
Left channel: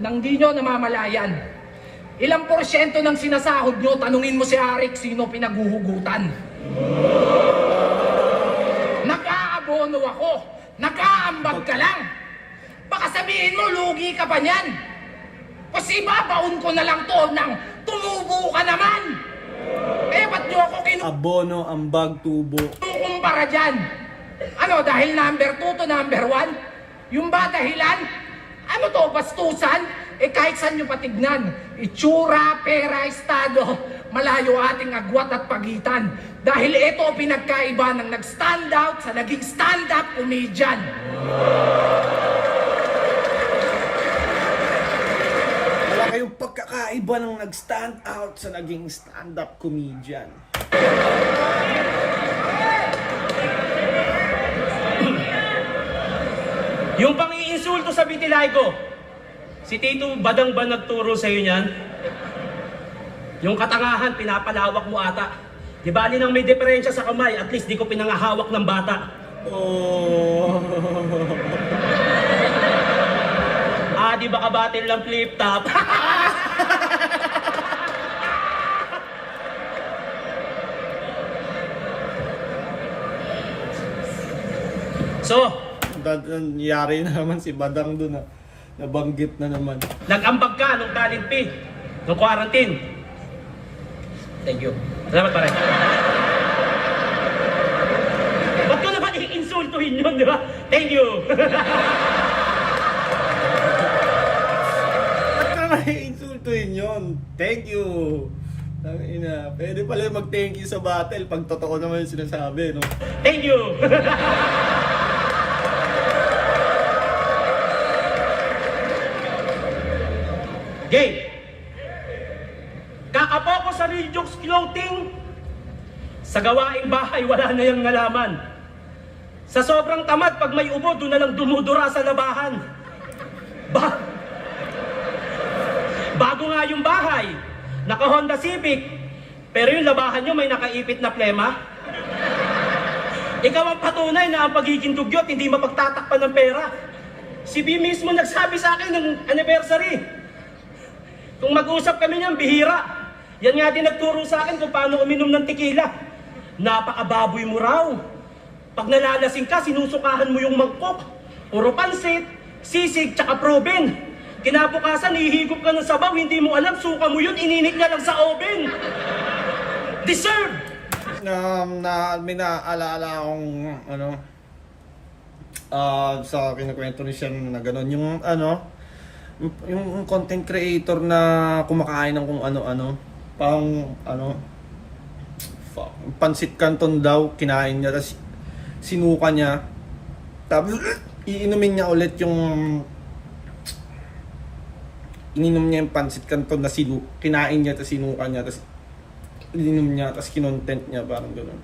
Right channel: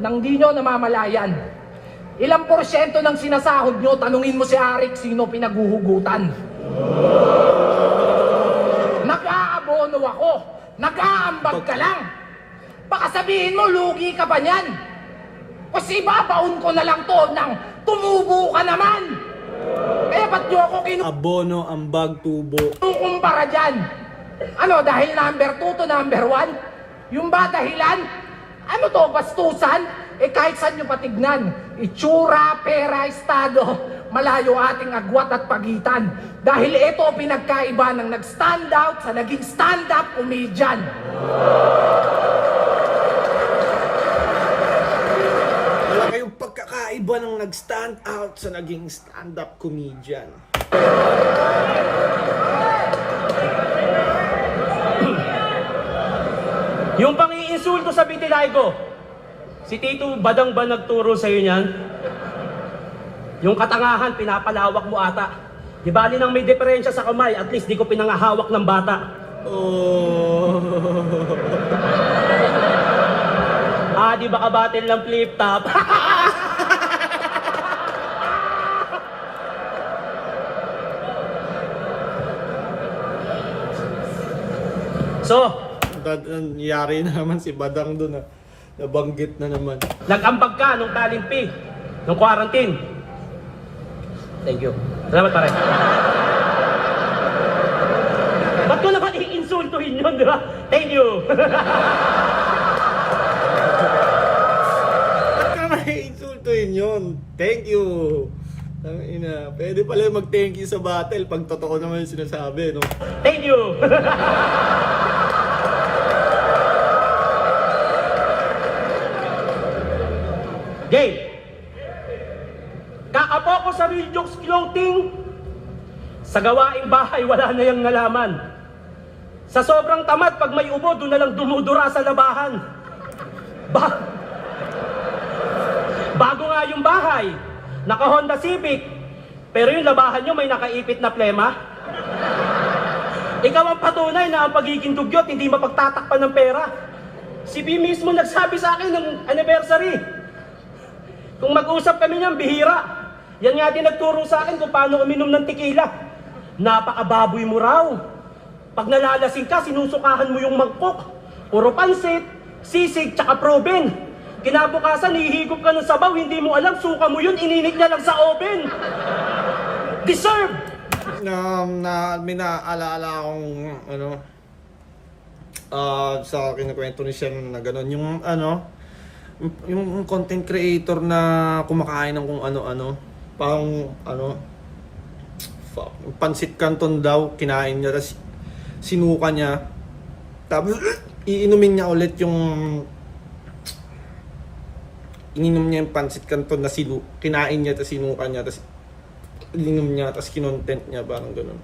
ng di nyo namamalayan. Ilang porsyento ng sinasahod nyo, tanungin mo si Arik sino pinaghuhugutan. Nag-aabono ako. Nag-aambag ka lang. Baka sabihin mo, lugi ka pa niyan. Kasi babaon ko na lang to ng tumubo ka naman. Kaya ba't nyo ako Abono, ambag, tubo. kinukumpara dyan? Ano, dahil number 2 to number 1? Yung ba dahilan? Ano to, bastusan? Eh kahit saan nyo patignan, itsura, pera, estado, malayo ating agwat at pagitan. Dahil ito pinagkaiba ng nag-stand out sa naging stand-up comedian. Malaki yung pagkakaiba ng nag-stand out sa naging stand-up comedian. Yung pang-iinsulto sa Bitilaygo, si Tito Badang ba nagturo sa'yo niyan? Yung katangahan, pinapalawak mo ata. Di ba nang may diferensya sa kamay, at least di ko pinangahawak ng bata. Oh. Di ba kabatil ng flip top? So, Nangyari na naman si Badang doon, nabanggit na naman. nag-ambag ka nung talent fee, nung quarantine. Thank you. Salamat pare. Ba't ko naman i-insultuhin yun, di ba? Thank you. Ba't ka naman i-insultuhin yun? Thank you. Ina, pwede pala mag-thank you sa battle pag totoo naman yung sinasabi, no? Thank you. Game. Kaapo ko sa Real Jokes Clothing. Sa gawaing bahay, wala na yung nalaman. Sa sobrang tamad, pag may ubo, doon na lang dumudura sa labahan. Bago nga yung bahay, naka-Honda Civic, pero yung labahan nyo may nakaipit na plema. Ikaw ang patunay na ang pagiging dugyot, hindi mapagtatakpan ng pera. Si B mismo nagsabi sa akin ng anniversary. Kung mag-usap kami niyan, bihira. Yan nga din nagturo sa akin kung paano uminom ng tequila. Napakababoy mo raw. Pag nalalasing ka, sinusukahan mo yung mangkok. Puro pansit, sisig, tsaka proben. Kinabukasan, ihigop ka ng sabaw, hindi mo alam, suka mo yun, ininit niya lang sa oven. Deserve! May naaalala akong sa kinukwento ni Shem na gano'n, yung content creator na kumakain ng kung ano-ano, pansit canton daw, kinain niya, tapos sinuka niya, tapos iinumin niya ulit ininom niya yung pansit canton na kinain niya, tapos sinuka niya, tapos ininom niya, tapos kinontent niya, parang gano'n.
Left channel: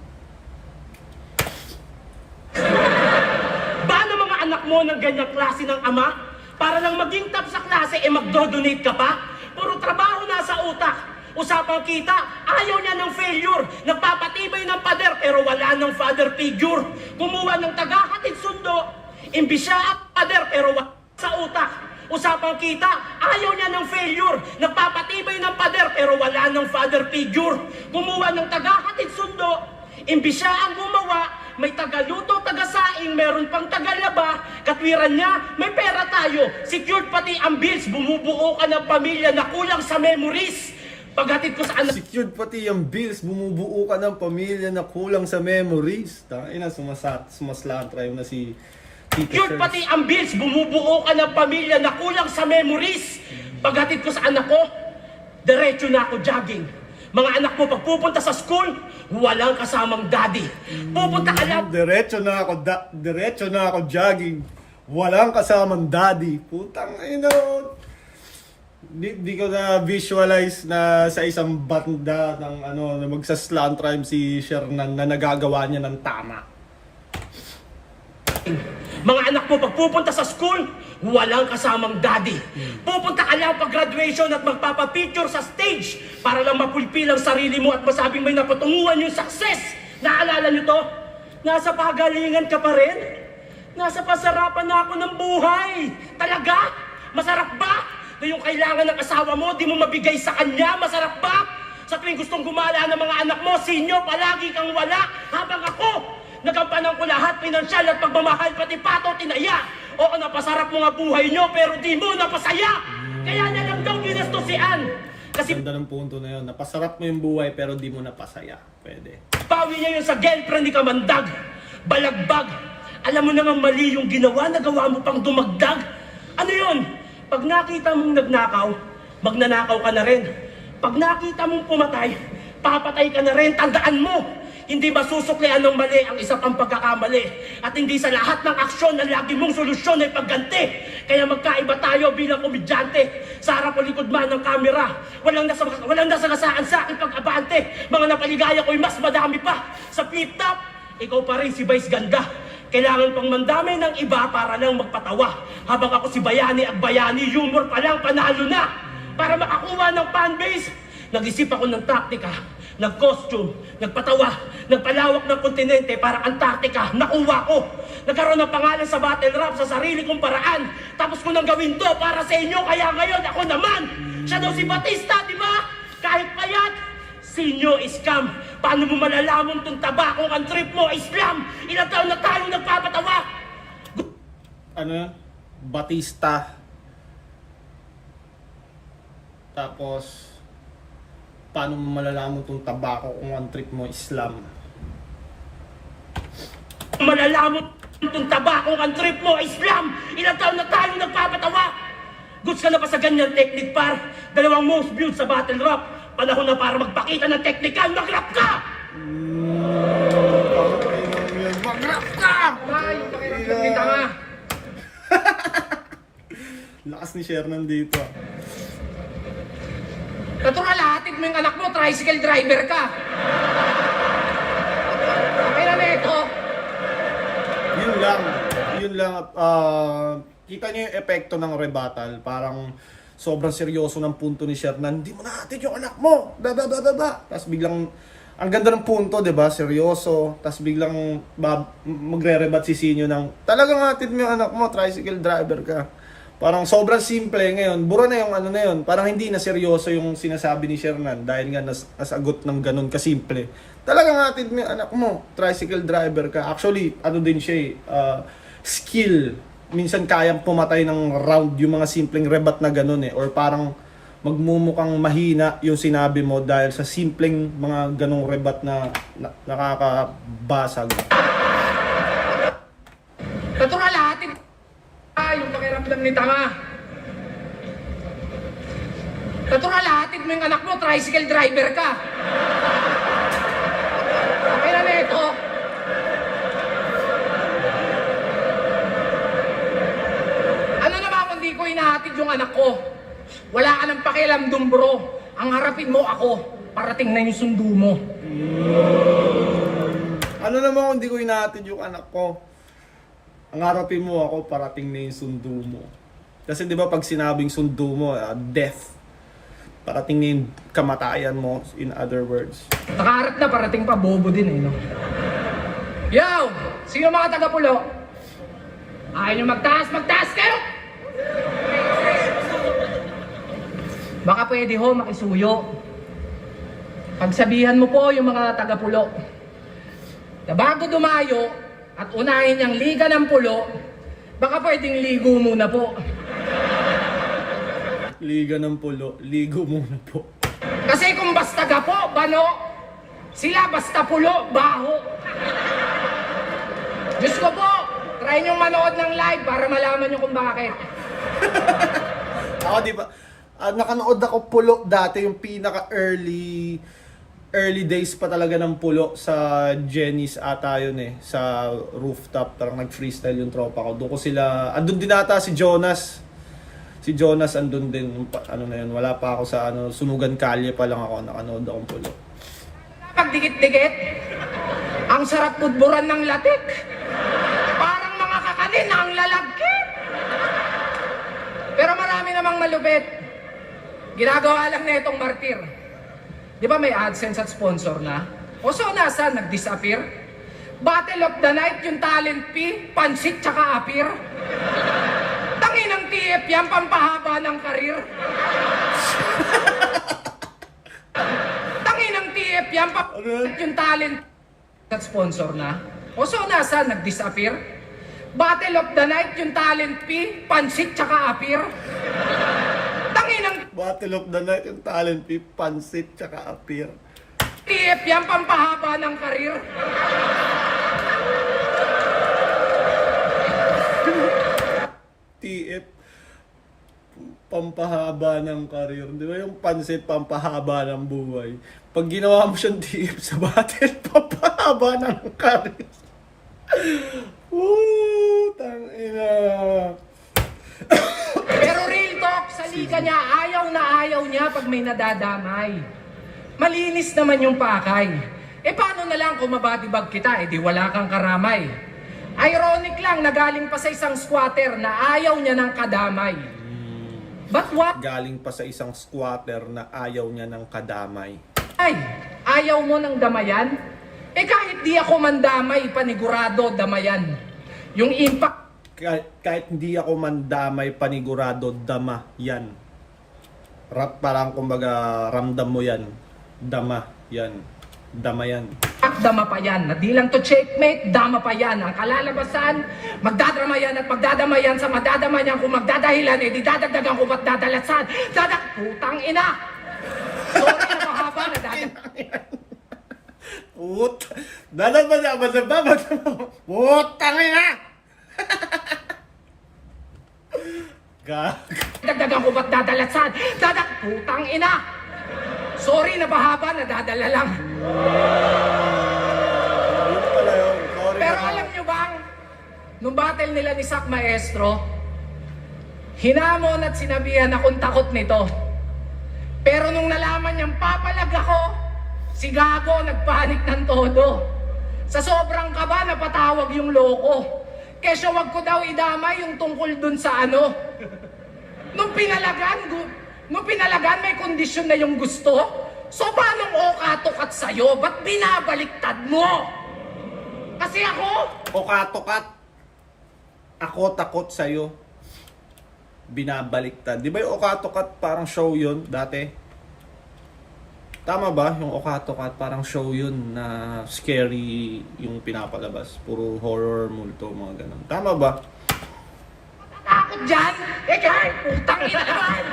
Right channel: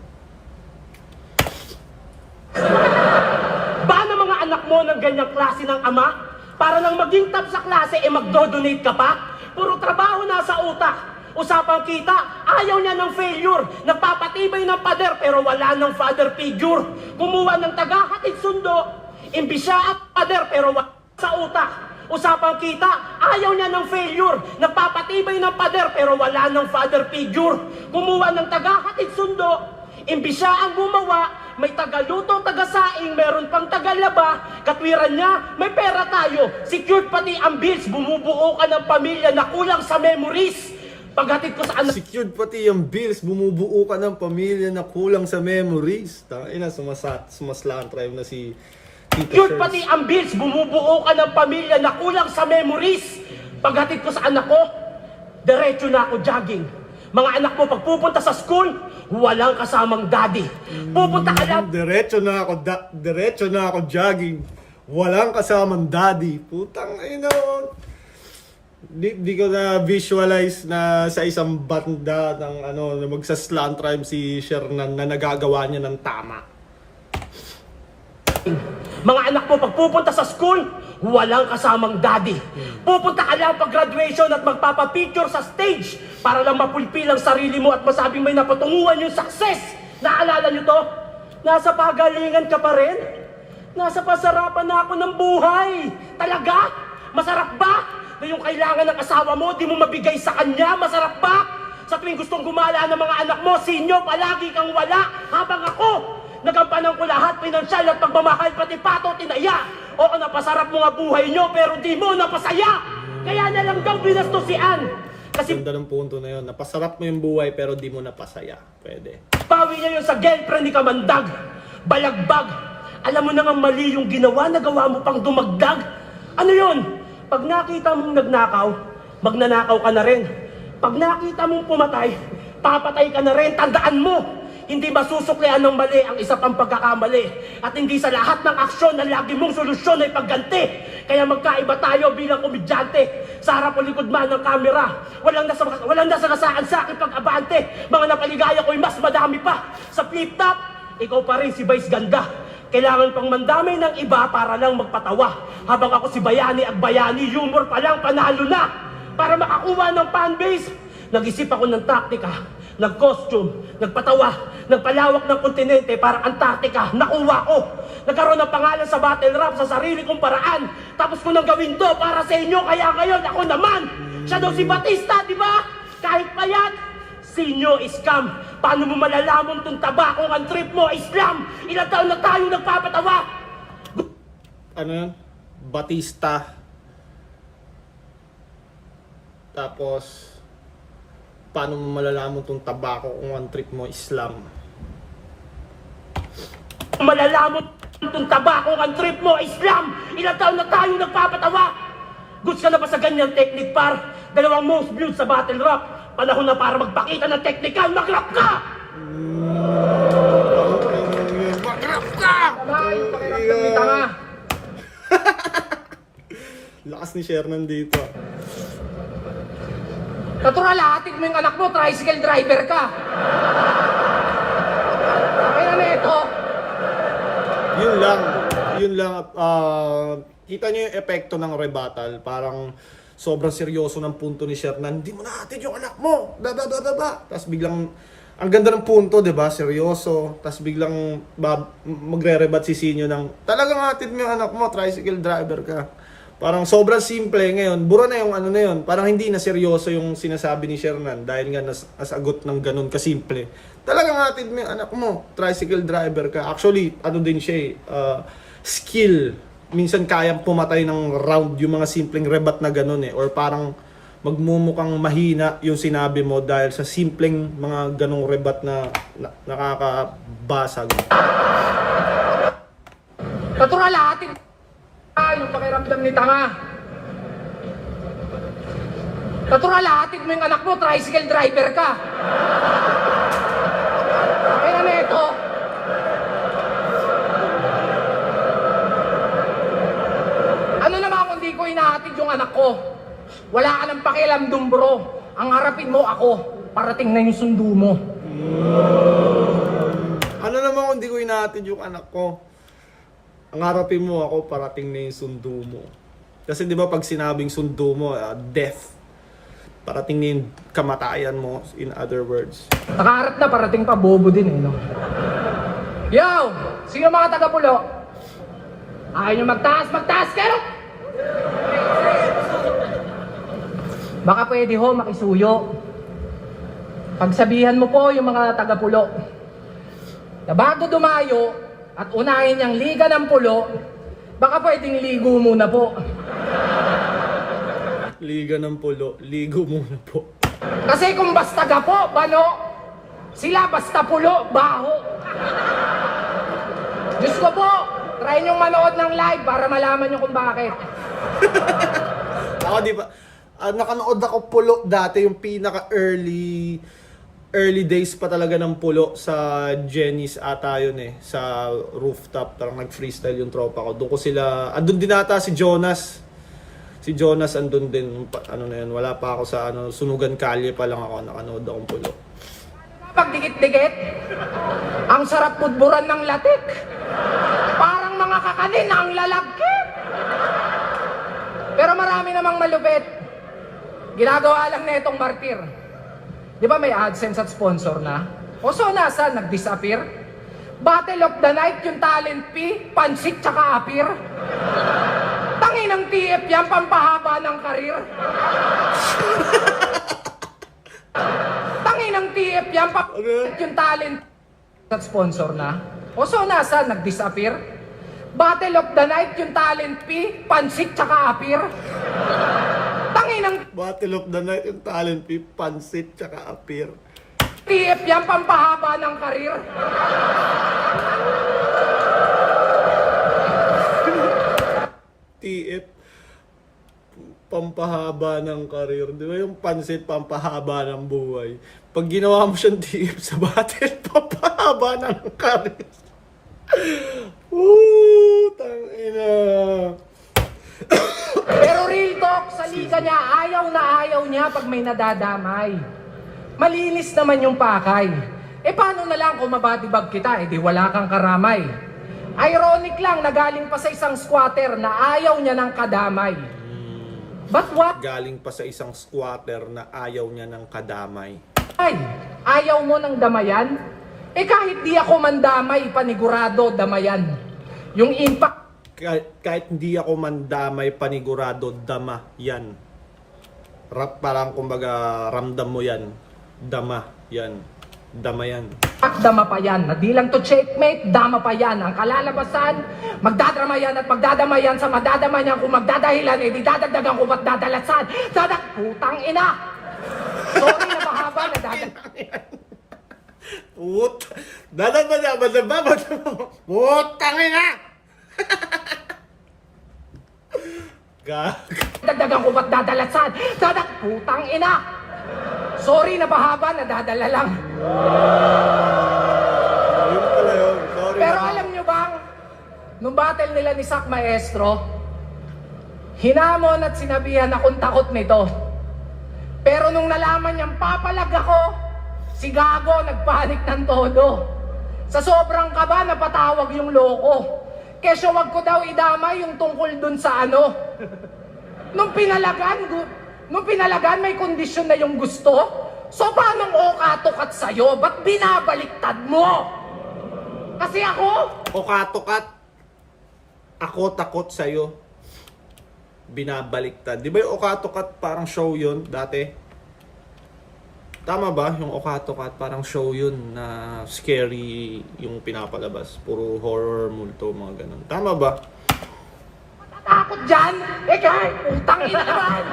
Ba na mga anak mo ng ganyang klase ng ama? Para lang maging top sa klase, magdo-donate ka pa? Puro trabaho nasa utak. Usapang kita, ayaw niya ng failure. Nagpapatibay ng pader pero wala ng father figure. Kumuha ng taga-hatid sundo. Imbis siya ang pader pero wala sa utak. Usapang kita, ayaw niya ng failure. Nagpapatibay ng pader pero wala ng father figure. Kumuha ng taga-hatid sundo. Imbis siya ang gumawa, may taga-luto, taga-saing, meron pang taga-laba. Katwiran niya, may pera tayo. Secured pati ang bills, bumubuo ka ng pamilya na kulang sa memories. Paghatid ko sa anak... Secured pati yung bills, bumubuo ka ng pamilya na kulang sa memories. Sumaslaan try na si Tito Secured Shers. pati ang bills, bumubuo ka ng pamilya na kulang sa memories. Paghatid ko sa anak ko, diretso na ako jogging. Mga anak mo, pag pupunta sa school, walang kasamang daddy. Pupunta ka lang... Diretso na ako jogging. Walang kasamang daddy. Putang ina. Di ko na visualize na sa isang banda ng na magsaslant rhyme si Shernan na nagagawa niya ng tama. Mga anak mo, pag pupunta sa school, walang kasamang daddy. Pupunta ka lang pag graduation at magpapapicture sa stage para lang mapulpil ang sarili mo at masabing may napatunguhan yung success. Naalala niyo to? Nasa pagalingan ka pa rin? Nasa pasarapan na ako ng buhay. Talaga? Masarap ba? Na yung kailangan ng asawa mo, di mo mabigay sa kanya? Masarap ba? Sa tuwing gustong gumala ng mga anak mo, sinyo, palagi kang wala. Habang ako, nagampanan ko lahat, pinansyal at pagmamahal, pati pato, tinaya. Oo, napasarap mo nga buhay nyo, pero di mo napasaya. Kaya na lang daw binastos si Ann. Kasi Ganda ng punto na yun. Napasarap mo yung buhay pero di mo napasaya. Pwede. pawi niya yun sa girlfriend ni Kamandag. Balagbag. Alam mo na nga mali yung ginawa, nagawa mo pang dumagdag. Ano yun? Pag nakita mong nagnakaw, magnanakaw ka na rin. Pag nakita mong pumatay, papatay ka na rin. Tandaan mo, hindi masusuklian ng mali ang isa pang pagkakamali. At hindi sa lahat ng aksyon na lagi mong solusyon ay pagganti. Kaya magkaiba tayo bilang komedyante. Sa harap o likod man ng kamera, walang nasagasaan sa akin pag-abante. Mga napaligaya ko'y mas madami pa. Sa flip-top, ikaw pa rin si Vice Ganda. Kailangan pang mandamay ng iba para lang magpatawa. Habang ako si Bayani at Bayani, humor pa lang panalo na. Para makakuha ng fanbase, nag-isip ako ng taktika, nag-costume, nagpatawa, nagpalawak ng kontinente para Antarctica, nakuha ko. Nagkaroon ng pangalan sa battle rap sa sarili kong paraan. Tapos ko nang gawin to para sa inyo, kaya ngayon ako naman. Siya daw si Batista, di ba? Kahit payat, sinyo scam. Paano mo malalaman itong taba kung ang trip mo Islam? Ilang taon na tayo nagpapatawa? ano yun? Batista. Tapos, paano mo malalaman tong tabako kung ang trip mo Islam? Malalaman itong tabako ang trip mo, Islam! Ilang taon na tayo nagpapatawa! Goods ka na ba sa ganyang technique, par? 2 most viewed sa battle rap. Panahon na para magpakita ng teknika, mag-rap ka! Mag-rap ka! Ay, pakiramdam ni tanga. Lakas ni Shernan dito. Natural, hatid mo yung anak mo, tricycle driver ka. Kaya na ito. Yun lang, kita niyo yung epekto ng rebuttal, parang sobrang seryoso ng punto ni Shernan, hindi mo natin yung anak mo, tapos biglang, ang ganda ng punto, diba, seryoso, tapos biglang magre-rebat si Sinyo ng, talagang hatid mo yung anak mo, tricycle driver ka. Parang sobrang simple ngayon, bura na yung ano na yun, parang hindi na seryoso yung sinasabi ni Shernan dahil nga nasagot ng ganun kasimple. Talagang hatid mo yung anak mo, tricycle driver ka. Actually, ano din siya skill. Minsan kayang pumatay ng round yung mga simpleng rebat na ganun or parang magmumukhang mahina yung sinabi mo dahil sa simpleng mga ganong rebat na nakakabasag. Natural, hatid. Ay, yung pakiramdam ni tanga. Natural, hatid mo yung anak mo, tricycle driver ka. Kaya na ito. Ano naman kung di ko inahatid yung anak ko? Wala ka ng pakialam dun, bro. Ang harapin mo ako, parating na yung sundo mo. Ano naman kung di ko inahatid yung anak ko? Ang harapin mo ako, parating na yung sundo mo. Kasi di ba pag sinabing sundo mo, death. Parating na yung kamatayan mo, in other words. Nakaharap na, parating pa, bobo din no? Yo! Sino mga taga-pulo? Ayaw nyo magtaas kayo! Baka pwede ho, makisuyo. Pagsabihan mo po yung mga taga-pulo na bago dumayo at unahin niyang liga ng pulo, baka pwedeng ligo muna po. Liga ng pulo, ligo muna po. Kasi kung basta gapo, bano, sila basta pulo, baho. Diyos ko po, try niyong manood ng live para malaman niyo kung bakit. Ako di ba, nakanood ako pulo dati, yung pinaka early days pa talaga ng pulo sa Jenny's ata yun sa rooftop, parang nag-freestyle yung tropa ko. Doon ko sila, andun din ata si Jonas. Si Jonas andun din, ano na yun, wala pa ako sa Sunugan Kalye pa lang ako, nakanood akong pulo. Pagdikit-dikit, ang sarap pudburan ng latik. Parang mga kakanin na ang lalagkit. Pero marami namang malupit. Ginagawa lang na itong martir. Di ba may AdSense at sponsor na? O so nasa, nag-disappear? Battle of the Night, yung talent fee, pansit tsaka appear. Tangin ng TF yan, pampahaba ng karir. Tangin ng TF yan, yung talent at sponsor na? O so nasa, nag-disappear? Battle of the Night, yung talent fee, pansit tsaka appear. Tangin ng Battle of the Night, yung talent fee, pansit, tsaka appear. TF yan, pampahaba ng karir. TF, pampahaba ng karir. Di ba yung pansit, pampahaba ng buhay? Pag ginawa mo siyang TF sa battle, pampahaba ng karir. Woo! Tangina. Pero real talk, sa liga niya, ayaw niya pag may nadadamay. Malinis naman yung pakay. Paano na lang kung mabatibag kita, di wala kang karamay. Ironic lang, nagaling pa sa isang squatter na ayaw niya ng kadamay. But what? Galing pa sa isang squatter na ayaw niya ng kadamay. Ay, ayaw mo ng damayan? Kahit di ako mandamay, panigurado damayan. Yung impact Kahit hindi ako mandamay, panigurado, dama yan. Parang kumbaga ramdam mo yan. Dama yan. Dama yan. Dama pa yan. Na di lang to checkmate, dama pa yan. Ang kalalabasan, magdadrama yan at magdadama yan sa madadama niyan. Kung magdadahilan, di dadagdagan ko ba't dadalasan. Putang ina! Sorry na mahaba na Put! Putang ina! Gag. Dagdagan ko ba't dadalasan. Putang ina! Sorry na mahaba, nadadala lang. Ayun pala yun. Sorry Pero na. alam nyo bang, nung battle nila ni Sak Maestro, hinamon at sinabihan akong takot nito. Pero nung nalaman niyang papalag ako, si Gago nagpanik ng todo. Sa sobrang kaba, napatawag yung loko. Kesyo wag ko daw idamay yung tungkol dun sa ano. Nung pinalagan, may kondisyon na yung gusto. So paano okatukat sa'yo? Ba't binabaliktad mo? Kasi ako, Okatukat. Ako takot sa'yo. Binabaliktad. Di ba yung okatukat parang show yun dati? Tama ba? Yung okatukat parang show yun na scary yung pinapalabas. Puro horror, multo, mga ganun. Tama ba? takot dyan. Kaya, putang ina naman.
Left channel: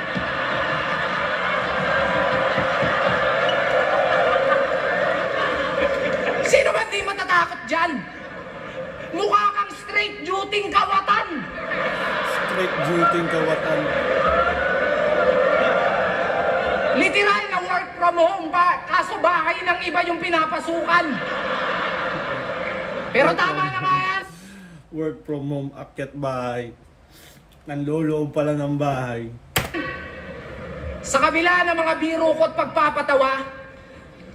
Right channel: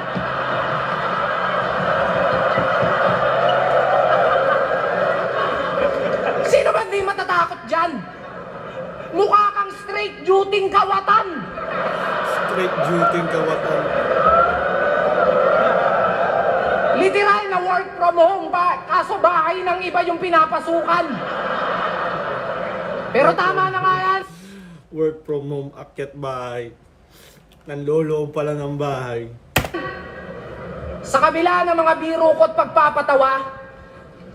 Sino ba di matatakot dyan? Mukha kang straight duty kawatan. Straight duty kawatan. Literal na work from home ba? Kaso bahay ng iba yung pinapasukan. Pero tama na nga yan. Work from home, akyat bahay. Nanloloob pala ng bahay. Sa kabila ng mga biro ko at pagpapatawa,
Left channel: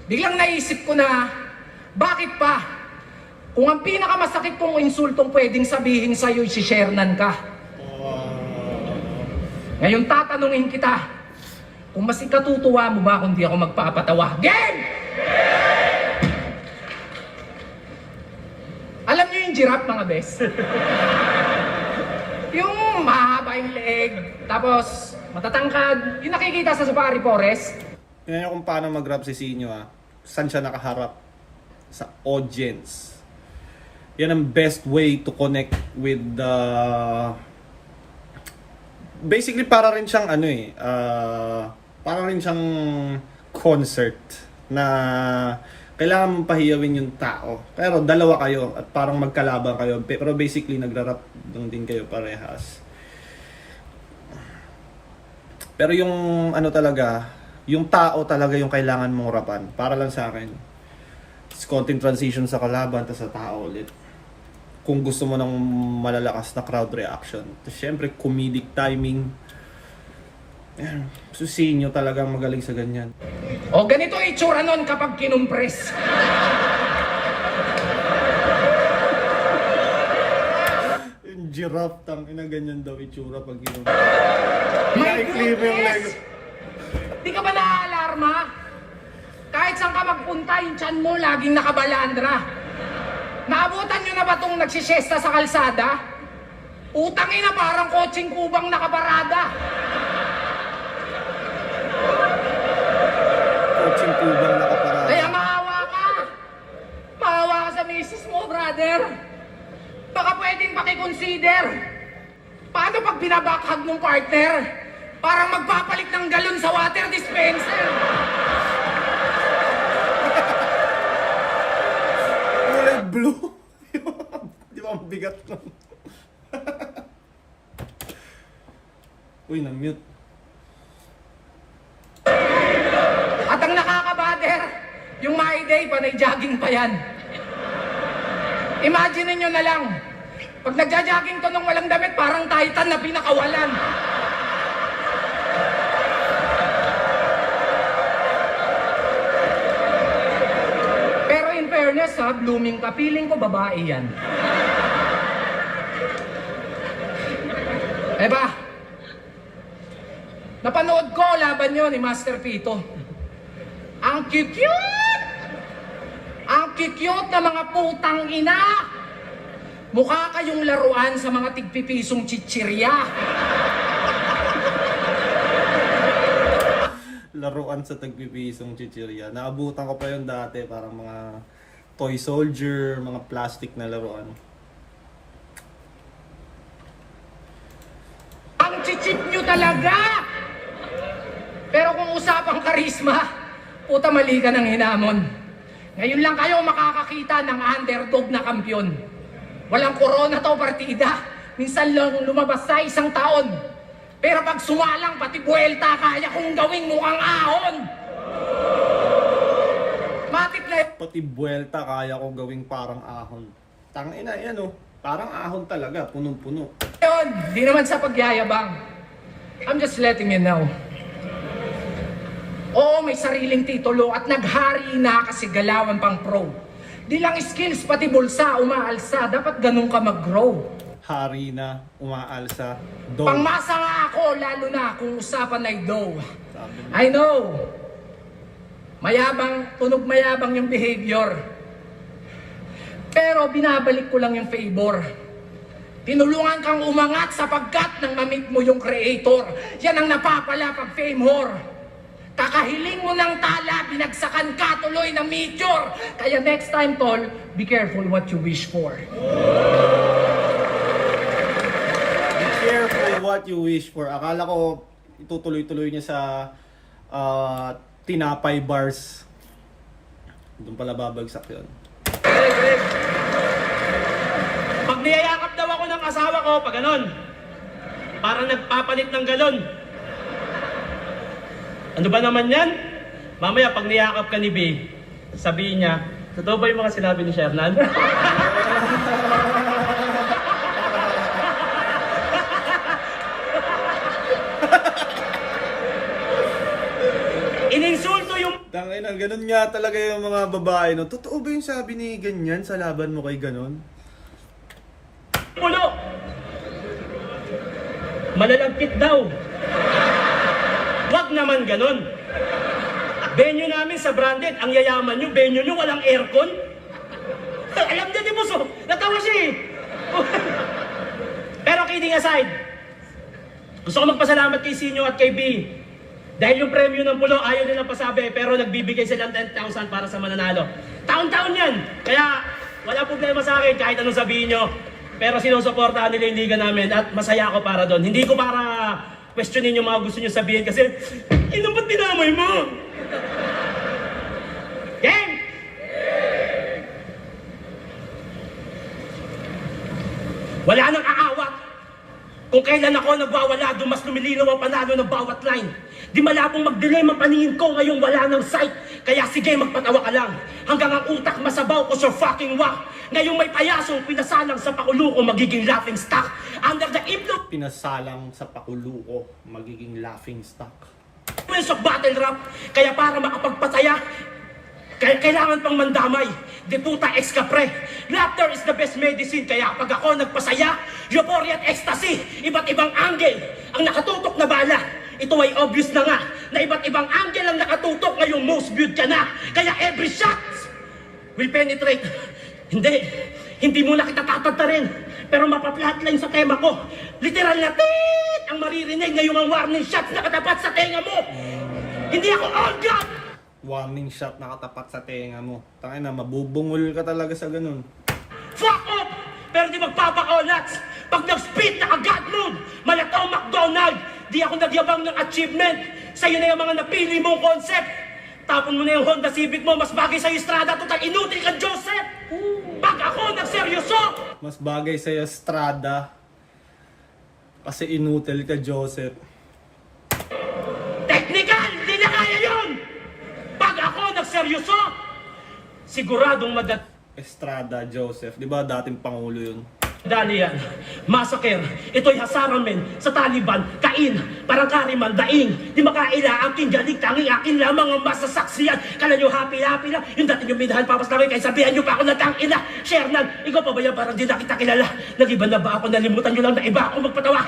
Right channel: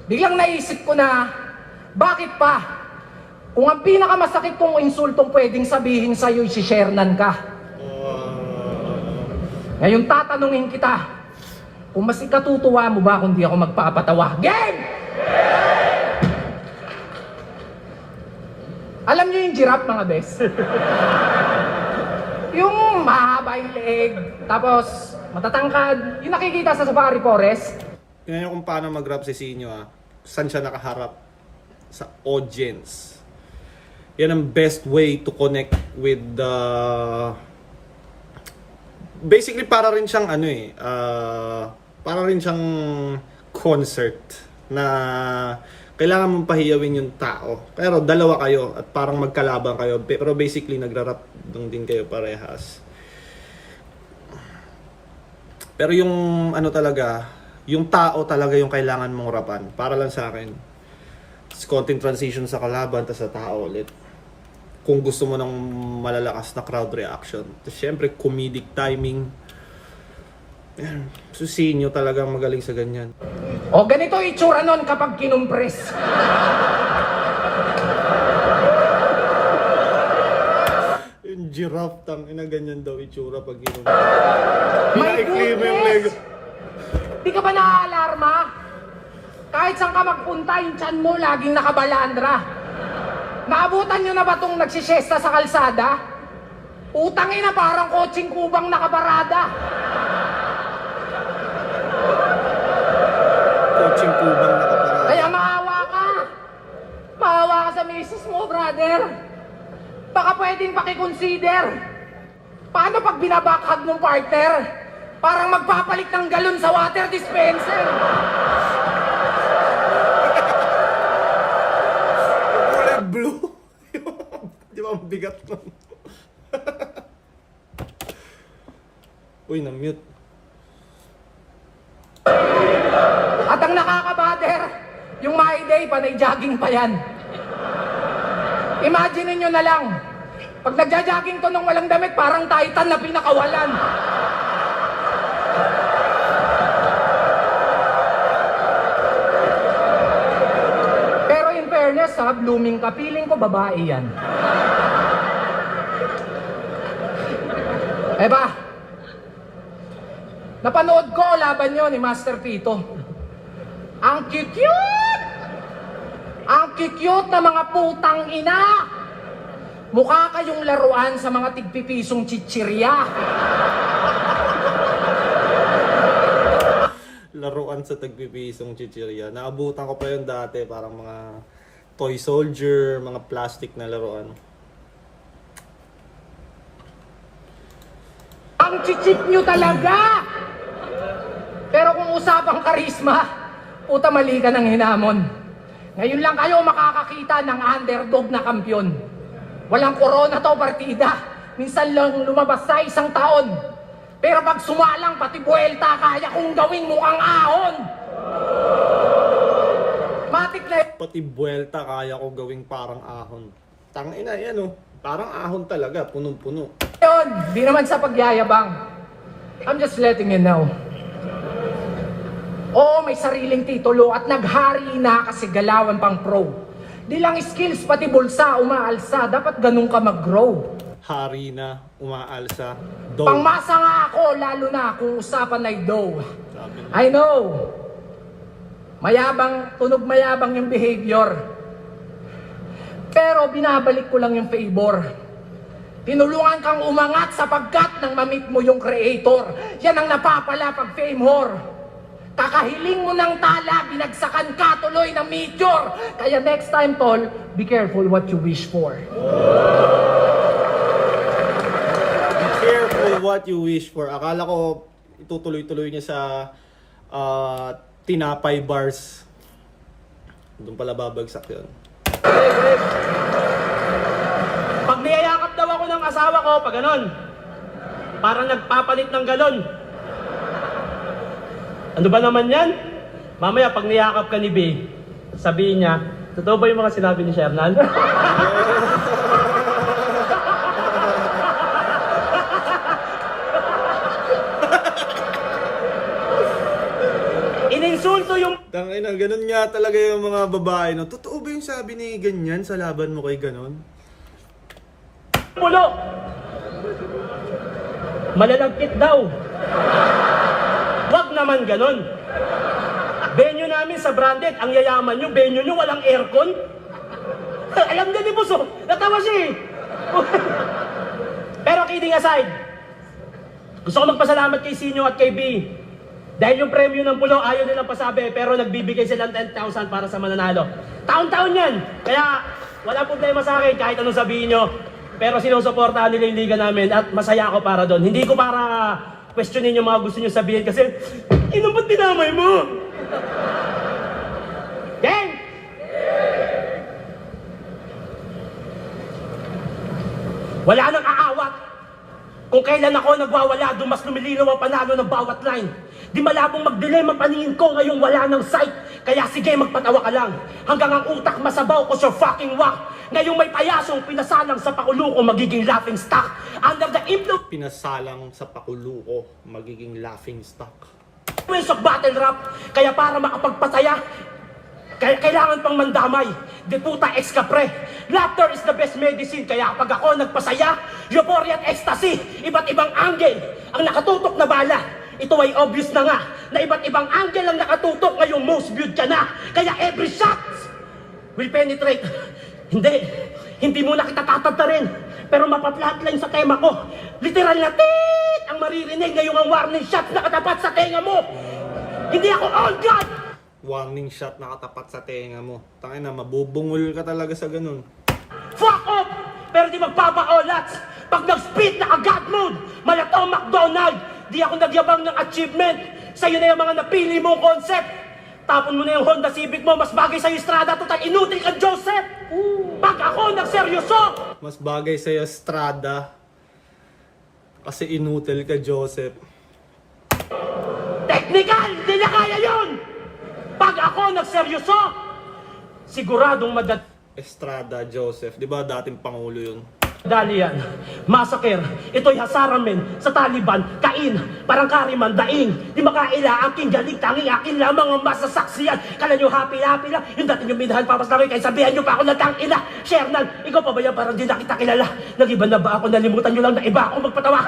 biglang naisip ko na, bakit pa? Kung ang pinakamasakit kong insultong pwedeng sabihin sa'yo, si Shernan ka. Ngayon tatanungin kita, kung mas ikatutuwa mo ba kung di ako magpapatawa? Game! Alam nyo yung giraffe, mga bes? Yung mahaba yung leeg, tapos matatangkad, yung nakikita sa Safari Forest. Tingnan nyo kung paano mag-rap si Sinyo ha. Saan siya nakaharap? Sa audience. Yan ang best way to connect with the... Basically para rin siyang ano eh, para rin siyang concert na kailangan mong pahiyawin yung tao. Pero dalawa kayo at parang magkalaban kayo. Pero basically nagra-rap lang din kayo parehas. Pero yung ano talaga, yung tao talaga yung kailangan mong rapan. Para lang sa akin. It's konting transition sa kalaban, tas sa tao ulit. Kung gusto mo ng malalakas na crowd reaction. Tapos syempre, comedic timing. Ayan, susihin nyo talaga magaling sa ganyan. O ganito itsura nun kapag kinumpres. Yung giraffe, ina ganyan daw itsura pag ginawa. Pinaikli mo yung leg. Di ka ba naaalarma? Kahit saan ka magpunta, yung tiyan mo laging nakabalandra. Naabutan nyo na ba itong nagsisiyesta sa kalsada? Utangin na parang kotseng kubang nakabarada. Coaching kubang nakaparada. Kaya maawa ka. Maawa ka sa misis mo, brother. Baka pwedeng pakiconsider. Paano pag binabakhag ng partner? Parang magpapalit ng galon sa water dispenser. Kulay blue. Di ba ang bigat nun? Uy, na-mute. At ang nakakabader, yung My Day, panay jogging pa yan. Imagine niyo na lang, pag nagja-jogging to nang walang damit, parang Titan na pinakawalan. Pero in fairness, ha, blooming ka, feeling ko babae yan. Eh ba? Napanood ko laban nyo ni Master Pito. Ang cute-cute! Ang cute-cute na mga putang ina! Mukha kayong laruan sa mga tigpipisong chichirya. laruan sa tagpipisong chichirya. Naabutan ko pa yun dati, parang mga toy soldier, mga plastic na laruan. Ang chichip nyo talaga! Pero kung usapang karisma, puta mali ka ng hinamon. Ngayon lang kayo makakakita ng underdog na kampyon. Walang corona to partida. Minsan lang lumabas sa isang taon. Pero pag sumalang pati buwelta, kaya kong gawin mukhang ahon. Matik na Pati buwelta kaya ko gawing parang ahon. Tangina yan oh. Parang ahon talaga, punong-puno. yun. Di naman sa pagyayabang. I'm just letting you know. Oo, may sariling titulo at naghari na kasi galawan pang pro. Di lang skills, pati bulsa, umaalsa. Dapat ganun ka mag-grow. Hari na, umaalsa, dough. Pangmasa nga ako, lalo na kung usapan ay dough. Sabi na. I know. Mayabang, tunog mayabang yung behavior. Pero binabalik ko lang yung favor. Tinulungan kang umangat sapagkat nang mamit mo yung creator. Yan ang napapala pag fame whore. Kakahiling mo ng tala, binagsakan ka tuloy ng major. Kaya next time, tol, be careful what you wish for. Be careful what you wish for. Akala ko itutuloy-tuloy niya sa tinapay bars. Doon pala babagsak yun. Pag niyayakap daw ako ng asawa ko, pag ganon, parang nagpapalit ng galon. Ano ba naman yan? Mamaya, pag niyakap ka ni B, sabihin niya, totoo ba yung mga sinabi ni Shernan? Ininsulto yung Tangina, ganun nga talaga yung mga babae, no? Totoo ba yung sabi ni ganyan sa laban mo kay ganon? pulo. Malalagkit daw. Wag naman ganon. Venue namin sa branded, ang yayaman nyo, venue nyo walang aircon. Alam niya ni Buso, natawa siya eh. Pero kidding aside, gusto ko magpasalamat kay Sinyo at kay B. Dahil yung premyo ng pulo, ayaw nilang pasabi, pero nagbibigay silang 10,000 para sa mananalo. Taon-taon yan. Kaya wala problema sa akin kahit anong sabihin nyo. Pero sinusuportahan nila yung liga namin at masaya ako para doon. Hindi ko para questionin yung mga gusto nyo sabihin kasi, ino ba't dinamay mo? Gang! Wala nang aawat. Kung kailan ako nagwawala, doon mas lumilinaw ang panalo ng bawat line. Di malabong mag-delay ang paningin ko ngayong wala ng sight. Kaya sige, magpatawa ka lang. Hanggang ang utak masabaw ko sa fucking whack. Ngayong may payasong pinasalang sa pakulo ko, magiging laughing stock. Under the influence Pinasalang sa pakulo ko, magiging laughing stock. of battle rap. Kaya para makapagpataya, kailangan pang mandamay. Di puta ex kapre. Laughter is the best medicine. Kaya pag ako nagpasaya, euphoria at ecstasy, iba't ibang angle ang nakatutok na bala. Ito ay obvious na nga na iba't ibang angle ang nakatutok ngayong most viewed ka na. Kaya every shot will penetrate. Hindi mo na kita tatantarin. Pero mapaplatline sa tema ko. Literal na tit ang maririnig ngayong ang warning shot na katapat sa tenga mo. Hindi ako all God! Warning shot nakatapat sa tenga mo. Tangina, mabubungol ka talaga sa ganun. Fuck off! Pero di magpapaolats. Pag nag-spit na God mode, malataw McDonald. Di ako nagyabang ng achievement. Sa'yo na yung mga napili mong concept. Tapon mo na yung Honda Civic mo, mas bagay sa'yo Strada, total inutil ka Joseph. Pag ako nagseryoso, Mas bagay sa'yo Strada. Kasi inutil ka, Joseph. technical, di na kaya yun. Pag ako nagseryoso, siguradong Estrada, Joseph. Di ba dating Pangulo yun? Dali yan. Massacre. Ito'y hasaramen sa Taliban. Kain. Parang kariman. Daing. Di makaila. Aking galing. Tangi. Akin lamang ang masasaksiyan. Kala nyo happy-happy lang. Yung dati nyo minahal papas namin. Kaya sabihan nyo pa ako na tangina. Shernan, ikaw pa ba yan? Parang di na kita kilala. Nag-iba na ba ako? Nalimutan nyo lang na iba ako magpatawa.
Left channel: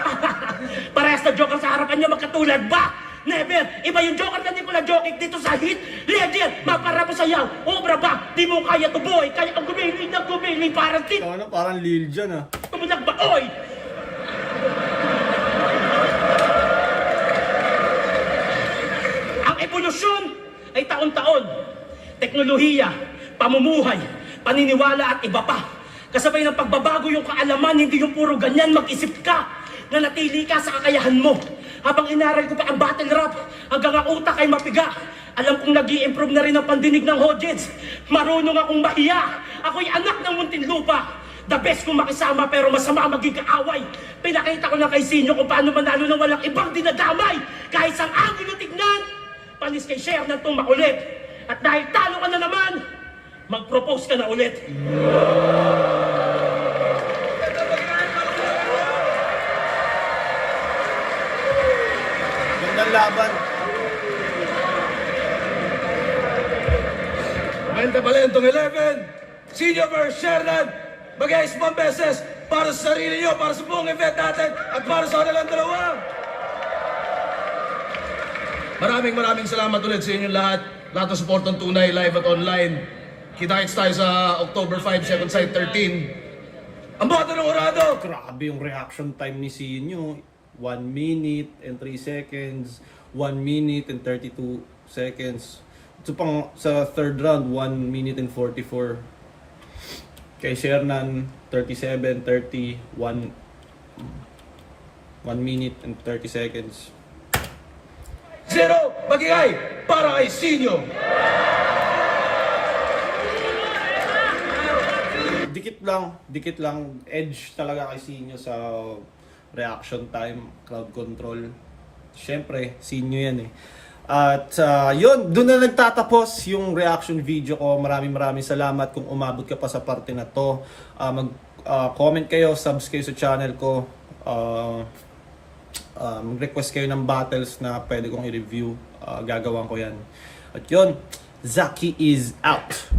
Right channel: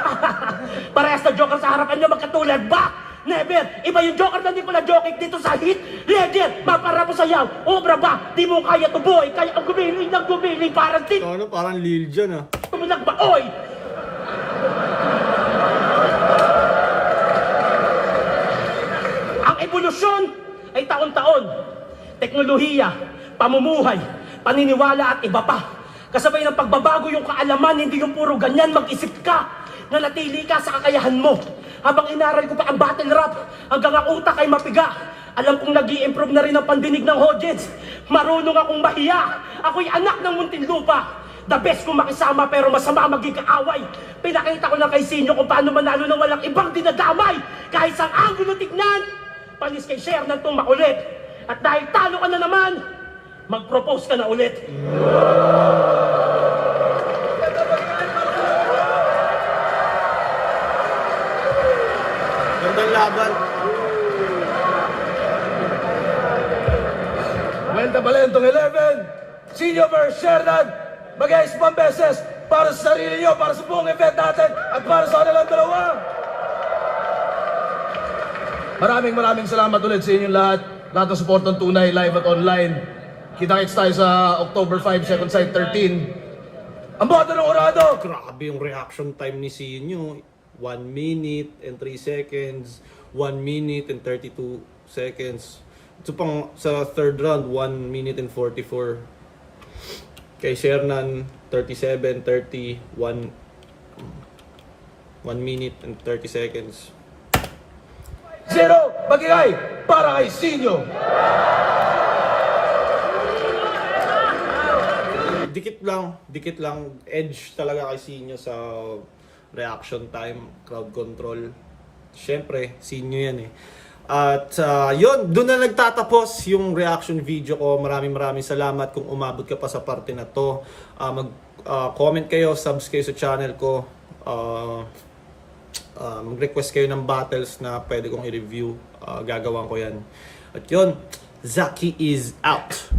Parehas na joker sa harapan nyo. Magkatulad ba? Never! Iba yung joker na di ko na-joking dito sa hit. Ledger! Mapara mo sayaw. Obra ba? Di mo kaya to boy. Kaya ang gumiling ng gumiling. Parang tin. Ano, parang Lil Jon ah. Tumilag ba? Oy! Ang Ang ebolusyon ay taon-taon. Teknolohiya, pamumuhay, paniniwala at iba pa. Kasabay ng pagbabago yung kaalaman, hindi yung puro ganyan, mag-isip ka. Nanatili ka sa kakayahan mo. Habang inaral ko pa ang battle rap, hanggang ang utak ay mapiga. Alam kong nag-i-improve na rin ang pandinig ng audience. Marunong akong mahiya. Ako'y anak ng Muntinlupa. The best kong makisama pero masama maging kaaway. Pinakita ko na kay Sinyo kung paano manalo na walang ibang dinadamay. Kahit sa angulo tignan, panis kay share na itong makulit. At dahil talo ka na naman, mag-propose ka na ulit. Gandang laban. Kwenta pala itong 11. Senior versus Shernan. Mag-ayos pang beses para sa sarili nyo, para sa buong event natin, at para sa kanilang dalawa. Maraming salamat ulit sa inyong lahat. Lahat ng support ng Tunay, live at online. Kita-kits tayo sa October 5, Second Sight 13. Ang boto ng Orado! Grabe yung reaction time ni Sinyo. 1 minute and 3 seconds. 1 minute and 32 seconds. Ito pang sa third round, 1 minute and 44. Kay Shernan, 37, 30, 1 minute and 30 seconds. 0, magigay para kay Sinyo. Dikit lang. Edge talaga kay Sinyo sa reaction time, crowd control. Siyempre, Sinyo yan eh. At yun, doon na nagtatapos yung reaction video ko. Maraming salamat kung umabot ka pa sa parte na to. Mag-comment kayo, subs kayo sa channel ko. Mag-request kayo ng battles na pwede kong i-review. Gagawan ko yan. At yun, Zaki is out.